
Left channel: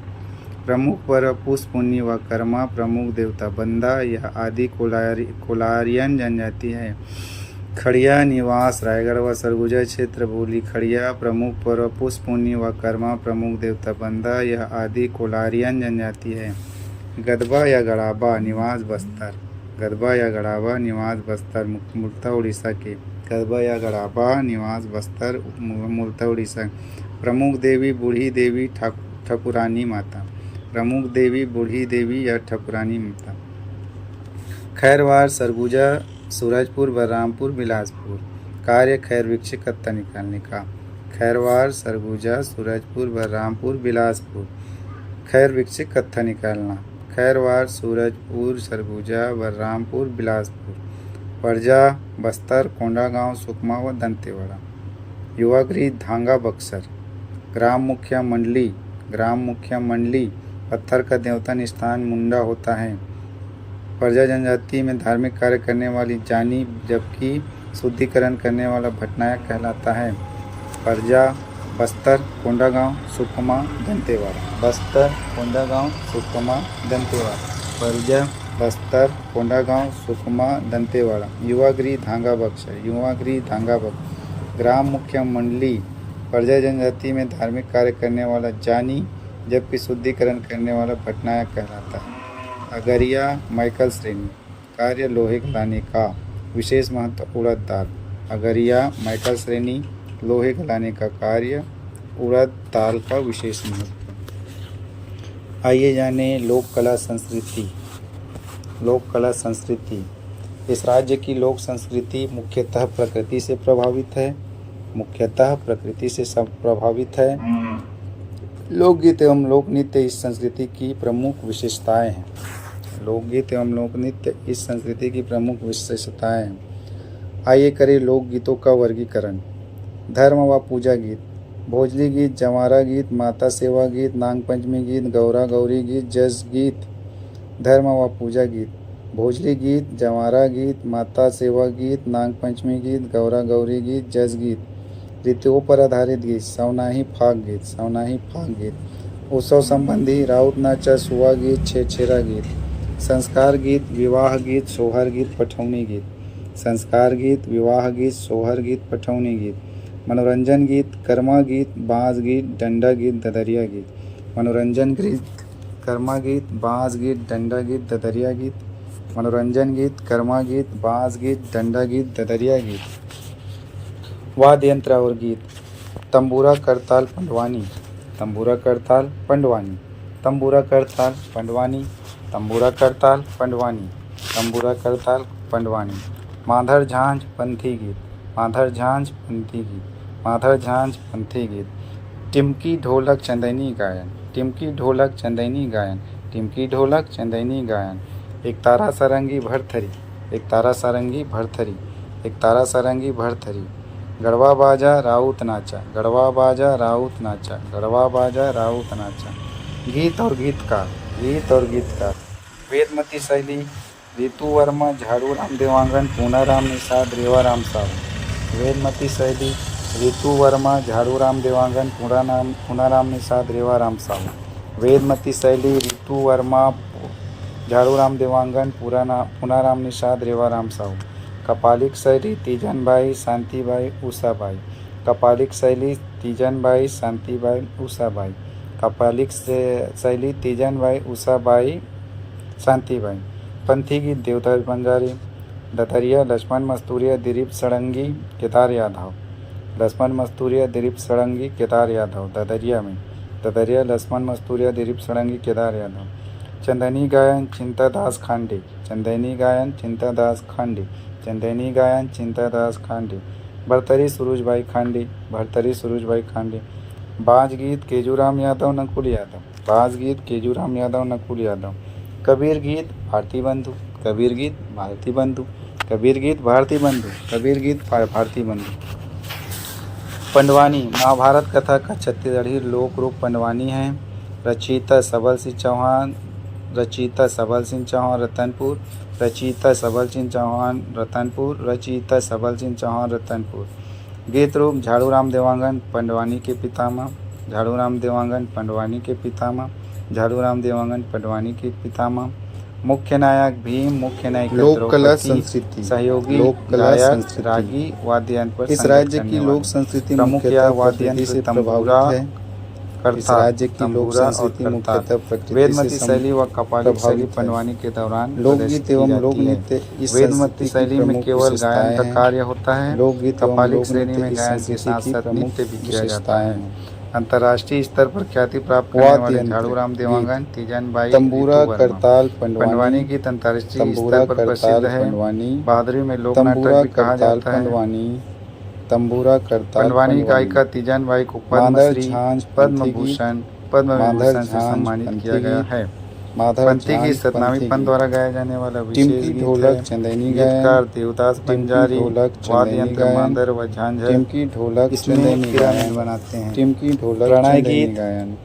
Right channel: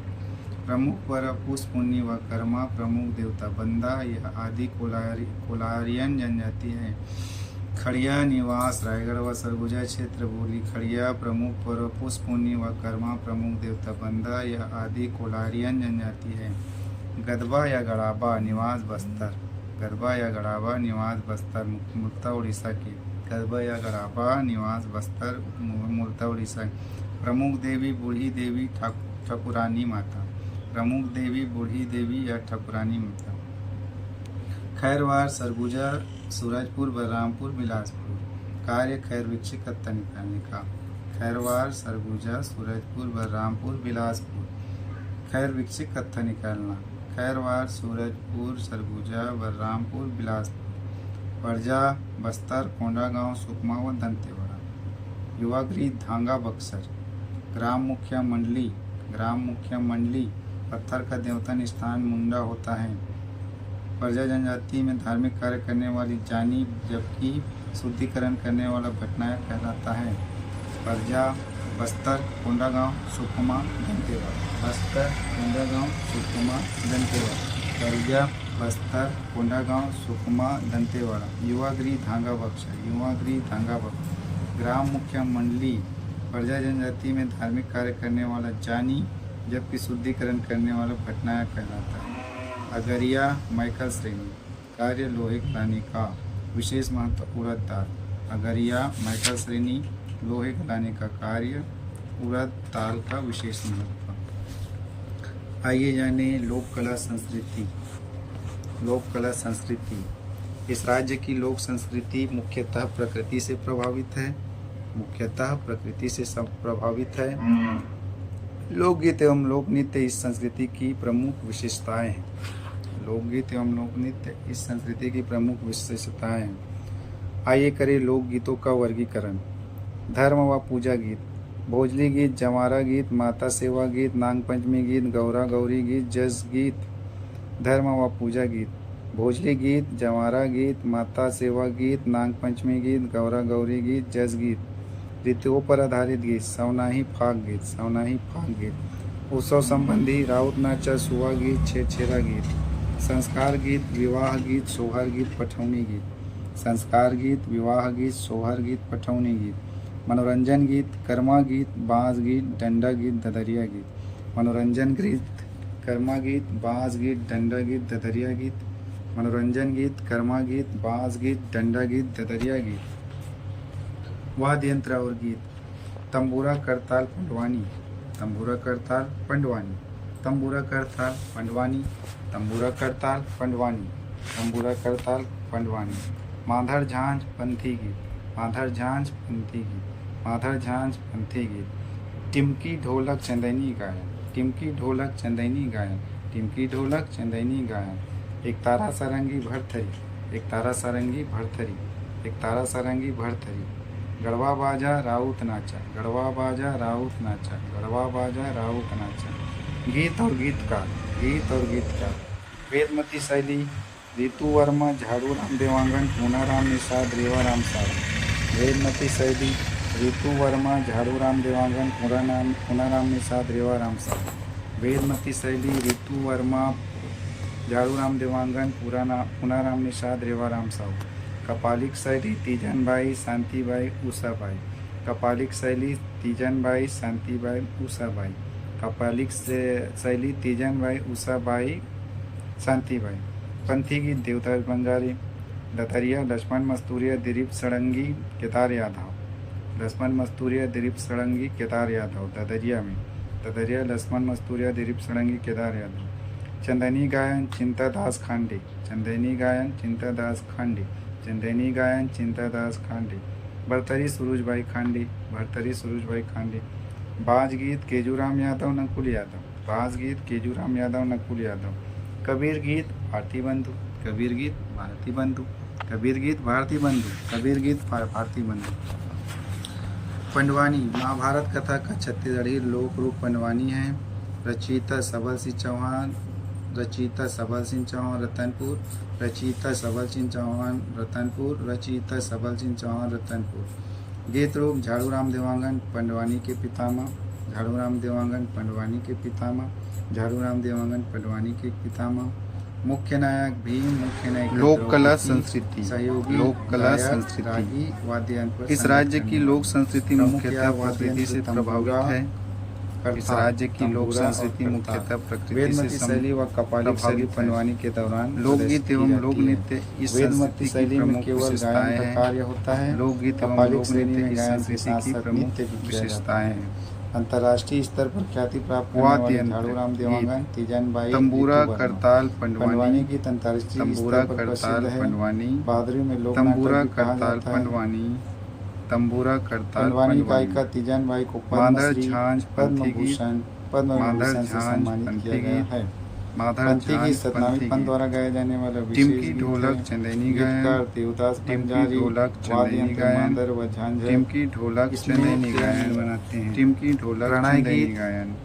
प्रमुख पर पुष्पुनी व कर्मा, प्रमुख देवता बंदा, यह आदि कोलारियन जनजाति है। खड़िया निवास रायगढ़ व सरगुजा क्षेत्र। बोली खड़िया प्रमुख पर पुष्पुनी व कर्मा, प्रमुख देवता बंदा, यह आदि कोलारियन जनजाति है। गदबा या गड़ाबा निवास बस्तर, गदबा या गड़ाबा निवास बस्तर, मूलतः उड़ीसा के। गदबा या गड़ाबा निवास बस्तर, मूलतः उड़ीसा। प्रमुख देवी बूढ़ी देवी ठाकुरानी माता, प्रमुख देवी बूढ़ी देवी या ठाकुरानी माता। खैरवार सरगुजा सूरजपुर बलरामपुर बिलासपुर। कार्य खैर वृक्ष कत्ता निकालने का। खैरवार सरगुजा सूरजपुर बलरामपुर बिलासपुर। खैर वृक्ष कत्था निकालना। खैरवार सूरजपुर सरगुजा बलरामपुर बिलासपुर। परजा बस्तर कोंडागांव सुकमा व दंतेवाड़ा। युवागृह धांगा बक्सर। ग्राम मुखिया मंडली, ग्राम मुखिया मंडली पत्थर का देवता स्थान मुंडा होता है। परजा जनजाति में धार्मिक कार्य करने वाली जानी, जबकि शुद्धिकरण करने वाला भटनायक कहलाता है। परजा बस्तर कोंडागांव सुकमा दंतेवाड़ा। बस्तर कोंडागांव सुकमा दंतेवाड़ा। परजा बस्तर कोंडागांव सुकमा दंतेवाड़ा। युवागृह धांगा बक्सर, युवागृह धांगा बक्सर। ग्राम मुखिया मंडली परजा जनजाति में धार्मिक कार्य करने वाला जानी, जबकि शुद्धिकरण करने वाला भटनायक कहलाता है। अगरिया माइकल श्रेणी। कार्य लोहे गलाने का, विशेष महत्व उड़द दाल। अगरिया माइकल श्रेणी लोहे गलाने का कार्य, उड़द दाल का विशेष महत्व। आइए जाने लोक कला संस्कृति। लोक कला संस्कृति। इस राज्य की लोक संस्कृति मुख्यतः प्रकृति से प्रभावित है, मुख्यतः प्रकृति से प्रभावित है। लोकगीत एवं लोक नृत्य इस संस्कृति की प्रमुख विशेषताएं हैं। लोकगीत एवं लोक नृत्य इस संस्कृति की प्रमुख विशेषताएं हैं। आइए करें लोकगीतों का वर्गीकरण। धर्म व पूजा गीत, भोजली गीत, जवारा गीत, माता सेवा गीत, नाग पंचमी गीत, गौरा गौरी गीत, जस गीत। धर्म व पूजा गीत, भोजली गीत, जवारा गीत, माता सेवा गीत, नाग पंचमी गीत, गौरा गौरी गीत, जस गीत। ऋतुओं पर आधारित गीत, सवनाही फाग गीत, सवनाही फाग गीत। उत्सव संबंधी राउत नाचा, सुआ गीत, छेरछेरा गीत। संस्कार गीत, विवाह गीत, सोहर गीत, पठौनी गीत। संस्कार गीत, विवाह गीत, सोहर गीत, पठौनी गीत। मनोरंजन गीत, कर्मा गीत, बाँस गीत, डंडा गीत, ददरिया गीत। मनोरंजन गीत, कर्मा गीत, बाँस गीत, डंडा गीत, ददरिया गीत। मनोरंजन गीत, कर्मा गीत, बाँस गीत, डंडा गीत, ददरिया गीत। वाद्य यंत्र और गीत, तंबूरा करताल पंडवानी, तंबूरा करताल पंडवानी, तंबूरा करताल पंडवानी, तंबूरा करताल पंडवानी, तंबूरा करताल पंडवानी। माधर झांझ पंथी गीत, माधर झांझ पंथी गीत, माधर झांझ पंथी गीत। टिमकी ढोलक चंदैनी गायन, टिमकी ढोलक चंदैनी गायन, टिमकी ढोलक चंदैनी गायन। एक तारा सारंगी भरथरी, एक तारा सारंगी भरथरी, एक तारा सारंगी भरथरी। गढ़वा बाजा राउत नाचा, गढ़वा बाजा राउत नाचा, गढ़वा बाजा राउत नाचा। गीत और गीतकार, गीत और गीतकार। वेदमती शैली, ऋतु वर्मा, झाड़ू राम देवांगन, पूनाराम निषाद, रेवाराम साहू। वेदमती शैली, ऋतु वर्मा, झाड़ू राम देवांगन, पूनाराम निषाद, रेवाराम साहू। वेदमती शैली, ऋतु वर्मा, झाड़ू राम देवांगन, पूनाराम निषाद, रेवाराम साहू। कपालिक शैली, तीजनबाई, शांतिबाई, उषाबाई। कपालिक शैली, तीजनबाई, शांतिबाई, उषाबाई। कपालिक शैली, तीजनबाई, उषाबाई, शांतिबाई। पंथी गीत, देवदास बंजारी, ददरिया, लक्ष्मण मस्तूरिया, दिलीप सड़ंगी, केदार यादव। लक्ष्मण मस्तूरिया, दिलीप सड़ंगी, केदार यादव। ददरिया में ददरिया, लक्ष्मण मस्तूरिया, दिलीप सड़ंगी, केदार यादव। चंदनी गायन, चिंतादास खांडे, चंदनी गायन, चिंतादास खांडे, चंदनी गायन, चिंतादास खांडे। भरतरी सुरुजबाई खांडे, भरतरी सुरुजबाई खांडे। बाज गीत, केजूराम यादव, नकुल यादव। बाज गीत, केजूराम यादव, नकुल यादव। कबीर गीत, भारती बंधु, कबीर गीत, भारती बंधु। कबीर गीत भारती बंधु, कबीर गीत भारती बंधु। पंडवानी महाभारत कथा का छत्तीसगढ़ी लोक रूप पंडवानी है। रचयिता सबल सिंह चौहान, रचयिता सबल सिंह चौहान रतनपुर, रचयिता सबल सिंह चौहान रतनपुर, रचयिता सबल सिंह चौहान रतनपुर। गीत रूप झाड़ूराम देवांगन पंडवानी के पितामह, झाड़ूराम देवांगन पंडवानी के पितामह, झाड़ूराम देवांगन पंडवानी के पितामह। मुख्य नायक भीम, मुख्य नायक लोक कला संस्कृति, सहयोगी लोक कला गायक संस्कृति। रागी वाद्य यंत्र पर इस राज्य की लोक संस्कृति मुख्यतः प्रकृति से प्रभावित है। इस राज्य की लोक संस्कृति मुख्यतः प्रकृति वेदमती से शैली व कपालिक शैली प्रभावित है। पंडवानी के दौरान लोकगीत एवं लोक नृत्य इस वेदमती संस्कृति शैली की में प्रमुख केवल गायन विशेषताएं का हैं। कार्य होता है। लोकगीत एवं कपालिक लोक श्रेणी में नृत्य इस गायन के संस्कृति साथ की साथ प्रमुख नृत्य भी किया जाता विशेषताएं है। हैं। अंतर्राष्ट्रीय स्तर पर ख्याति प्राप्त करने वाद्य वाले यंत्र, झाड़ूराम देवांगन, तीजन बाई, तंबूरा रितु वर्मा। करताल पंडवानी पंडवानी, गीत अंतर्राष्ट्रीय तंबूरा स्तर पर करताल प्रसिद्ध है। पंडवानी, बहादुरी में लोक तंबूरा नाटक भी कहा करताल जाता है। पंडवानी, तंबूरा करताल पंडवानी गायिका तीजन बाई को माधर पद्मश्री, झांझ पद्म पंथी गीत, भूषण, माधर पद्मविभूषण से झांझ सम्मानित पंथी किया गया गीत, है। माधर पंथी गीत झांझ सतनामी पंथी पंथ गीत, द्वारा गाया जाने वाला विशेष टिमकी गीत ढोलक है। चंदेनी गीतकार गायन, देवदास टिमकी बंजारी, ढोलक वाद्य चंदेनी यंत्र गायन, मांदर व झांझ है। टिमकी ढोलक इसमें चंदेनी पिरामिड गायन, बनाते हैं। टिमकी ढोलक प्रणय चंदेनी गीत, गायन,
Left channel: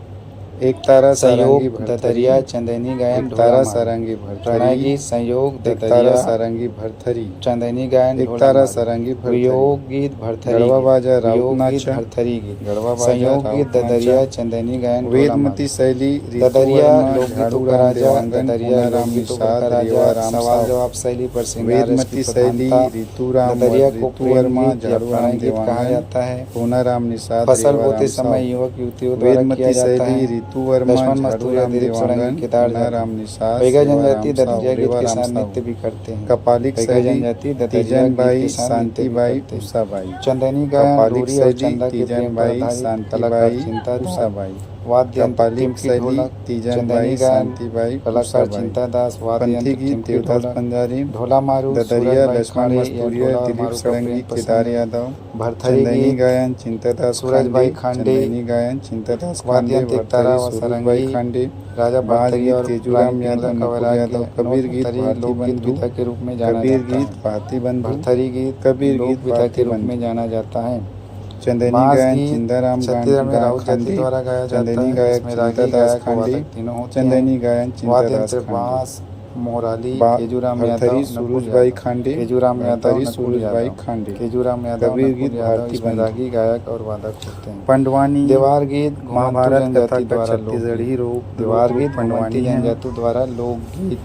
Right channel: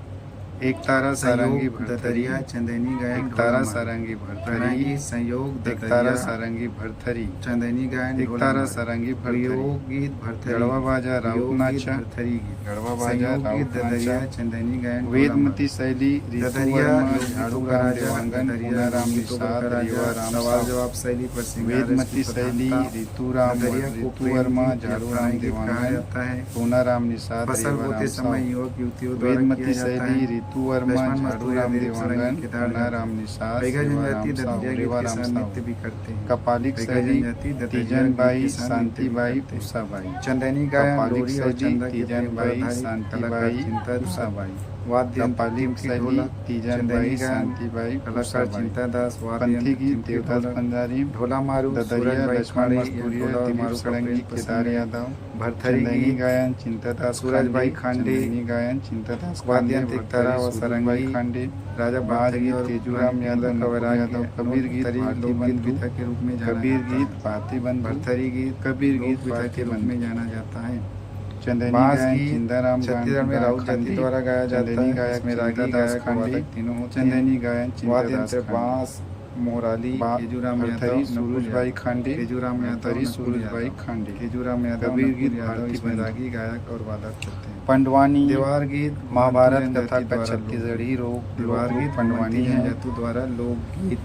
एक तारा सारंगी संयोग भरथरी, दतरिया चंदेनी गायन, एक तारा ढोला सारंगी प्रणय भरथरी, गीत, संयोग एक तारा दतरिया सारंगी भरथरी, चंदेनी गायन, एक ढोला तारा मार। सारंगी वियोग भरथरी, गीत भरथरी, गढ़वा बाजा राउत वियोग गीत नाचा, भरथरी गीत, गढ़वा बाजा संयोग गीत राउत ददरिया नाचा, चंदेनी गायन, ढोला वेदमती मार। शैली ऋतु ददरिया वर्मा, लोकगीतों का झाड़ूराम राजा, देवांगन, ददरिया पूनाराम लोकगीतों का निषाद, राजा, रेवाराम सवाल साव। जवाब शैली पर श्रृंगार रस वेदमती की शैली प्रधानता। ऋतुराम ददरिया को ऋतु प्रेम वर्मा, गीत या झाड़ूराम प्रणय गीत कहा देवांगन, जाता है। पूनाराम निषाद, फसल रेवाराम बोते साव। समय युवक युवतियों द्वारा किया वेदमती जाता शैली है। ऋतु वर्मा, लक्ष्मण मस्तूरिया, झाड़ूराम दिलीप सोलंकी, देवांगन, केदार पूनाराम निषाद, पैगा जनजाति रेवाराम साव, ददरिया गीत के रेवाराम साथ साव। नृत्य भी करते हैं। कपालिक पैगा शैली जनजाति ददरिया तीजन गीत बाई, के साथ नृत्य भी शांतिबाई, करते हैं। उषाबाई। चंदनी गायन, कपालिक डोरी और शैली चंदा के तीजन प्रेम पर बाई, आधारित कलाकार शांतिबाई, चिंता दास। उषाबाई। वाद्य यंत्र कपालिक टिमकी शैली ढोलक, तीजन चंदनी बाई, गायन, शांतिबाई, कलाकार उषाबाई। चिंता दास। वाद्य पंथी यंत्र गीत टिमकी देवदास ढोलक, पंजारी, ढोला मारू, ददरिया सूरजबाई लक्ष्मण खाड़े या मस्तूरिया, ढोला दिलीप मारू का सड़ंगी, प्रेम केदार पसंद। यादव। भरथरी चंदनी गीत, गायन चिंतादास सूरजबाई खांडे, खांडे। चंदनी गायन चिंतादास वाद्य खांडे, यंत्र तारा भरथरी व सूरजबाई सारंगी, खांडे। राजा बाज भरथरी गीत और तेजूराम रानी यादव, पिंगला का नकुल वैराग्य, यादव। कबीर गीत नौपथरी भारती लोकगीत बंधु, पिता के रूप में जाना कबीर जाता गीत है। भारती बंधु, भरथरी गीत कबीर गीत लोक पिता भारती के रूप बंधु। में जाना जाता है। चंदनी बांस गायन गीत चिंदाराम छत्तीसगढ़ में राउत जाति खांडी, द्वारा गाया जाता चंदनी है। गायक इसमें रागी, चिंतादास गायक, खांडी, वादक तीनों होते हैं। चंदनी गायन वाद्य चिंतादास यंत्र खांडी। बांस, मोहराली, बा- तेजूराम भरथरी यादव, सूरजबाई खांडे, तेजूराम यादव, भरथरी नकुल सूरजबाई यादव। खांडे। तेजूराम यादव, कबीर नकुल गीत यादव, भारती इसमें बंधु। रागी, गायक और वादक होते हैं। पंडवानी देवार गीत महाभारत घुमंतू कथा जनजाति का द्वारा छत्तीसगढ़ी रूप देवार गीत पंडवानी घुमंती है। जनजाति द्वारा लोकगीत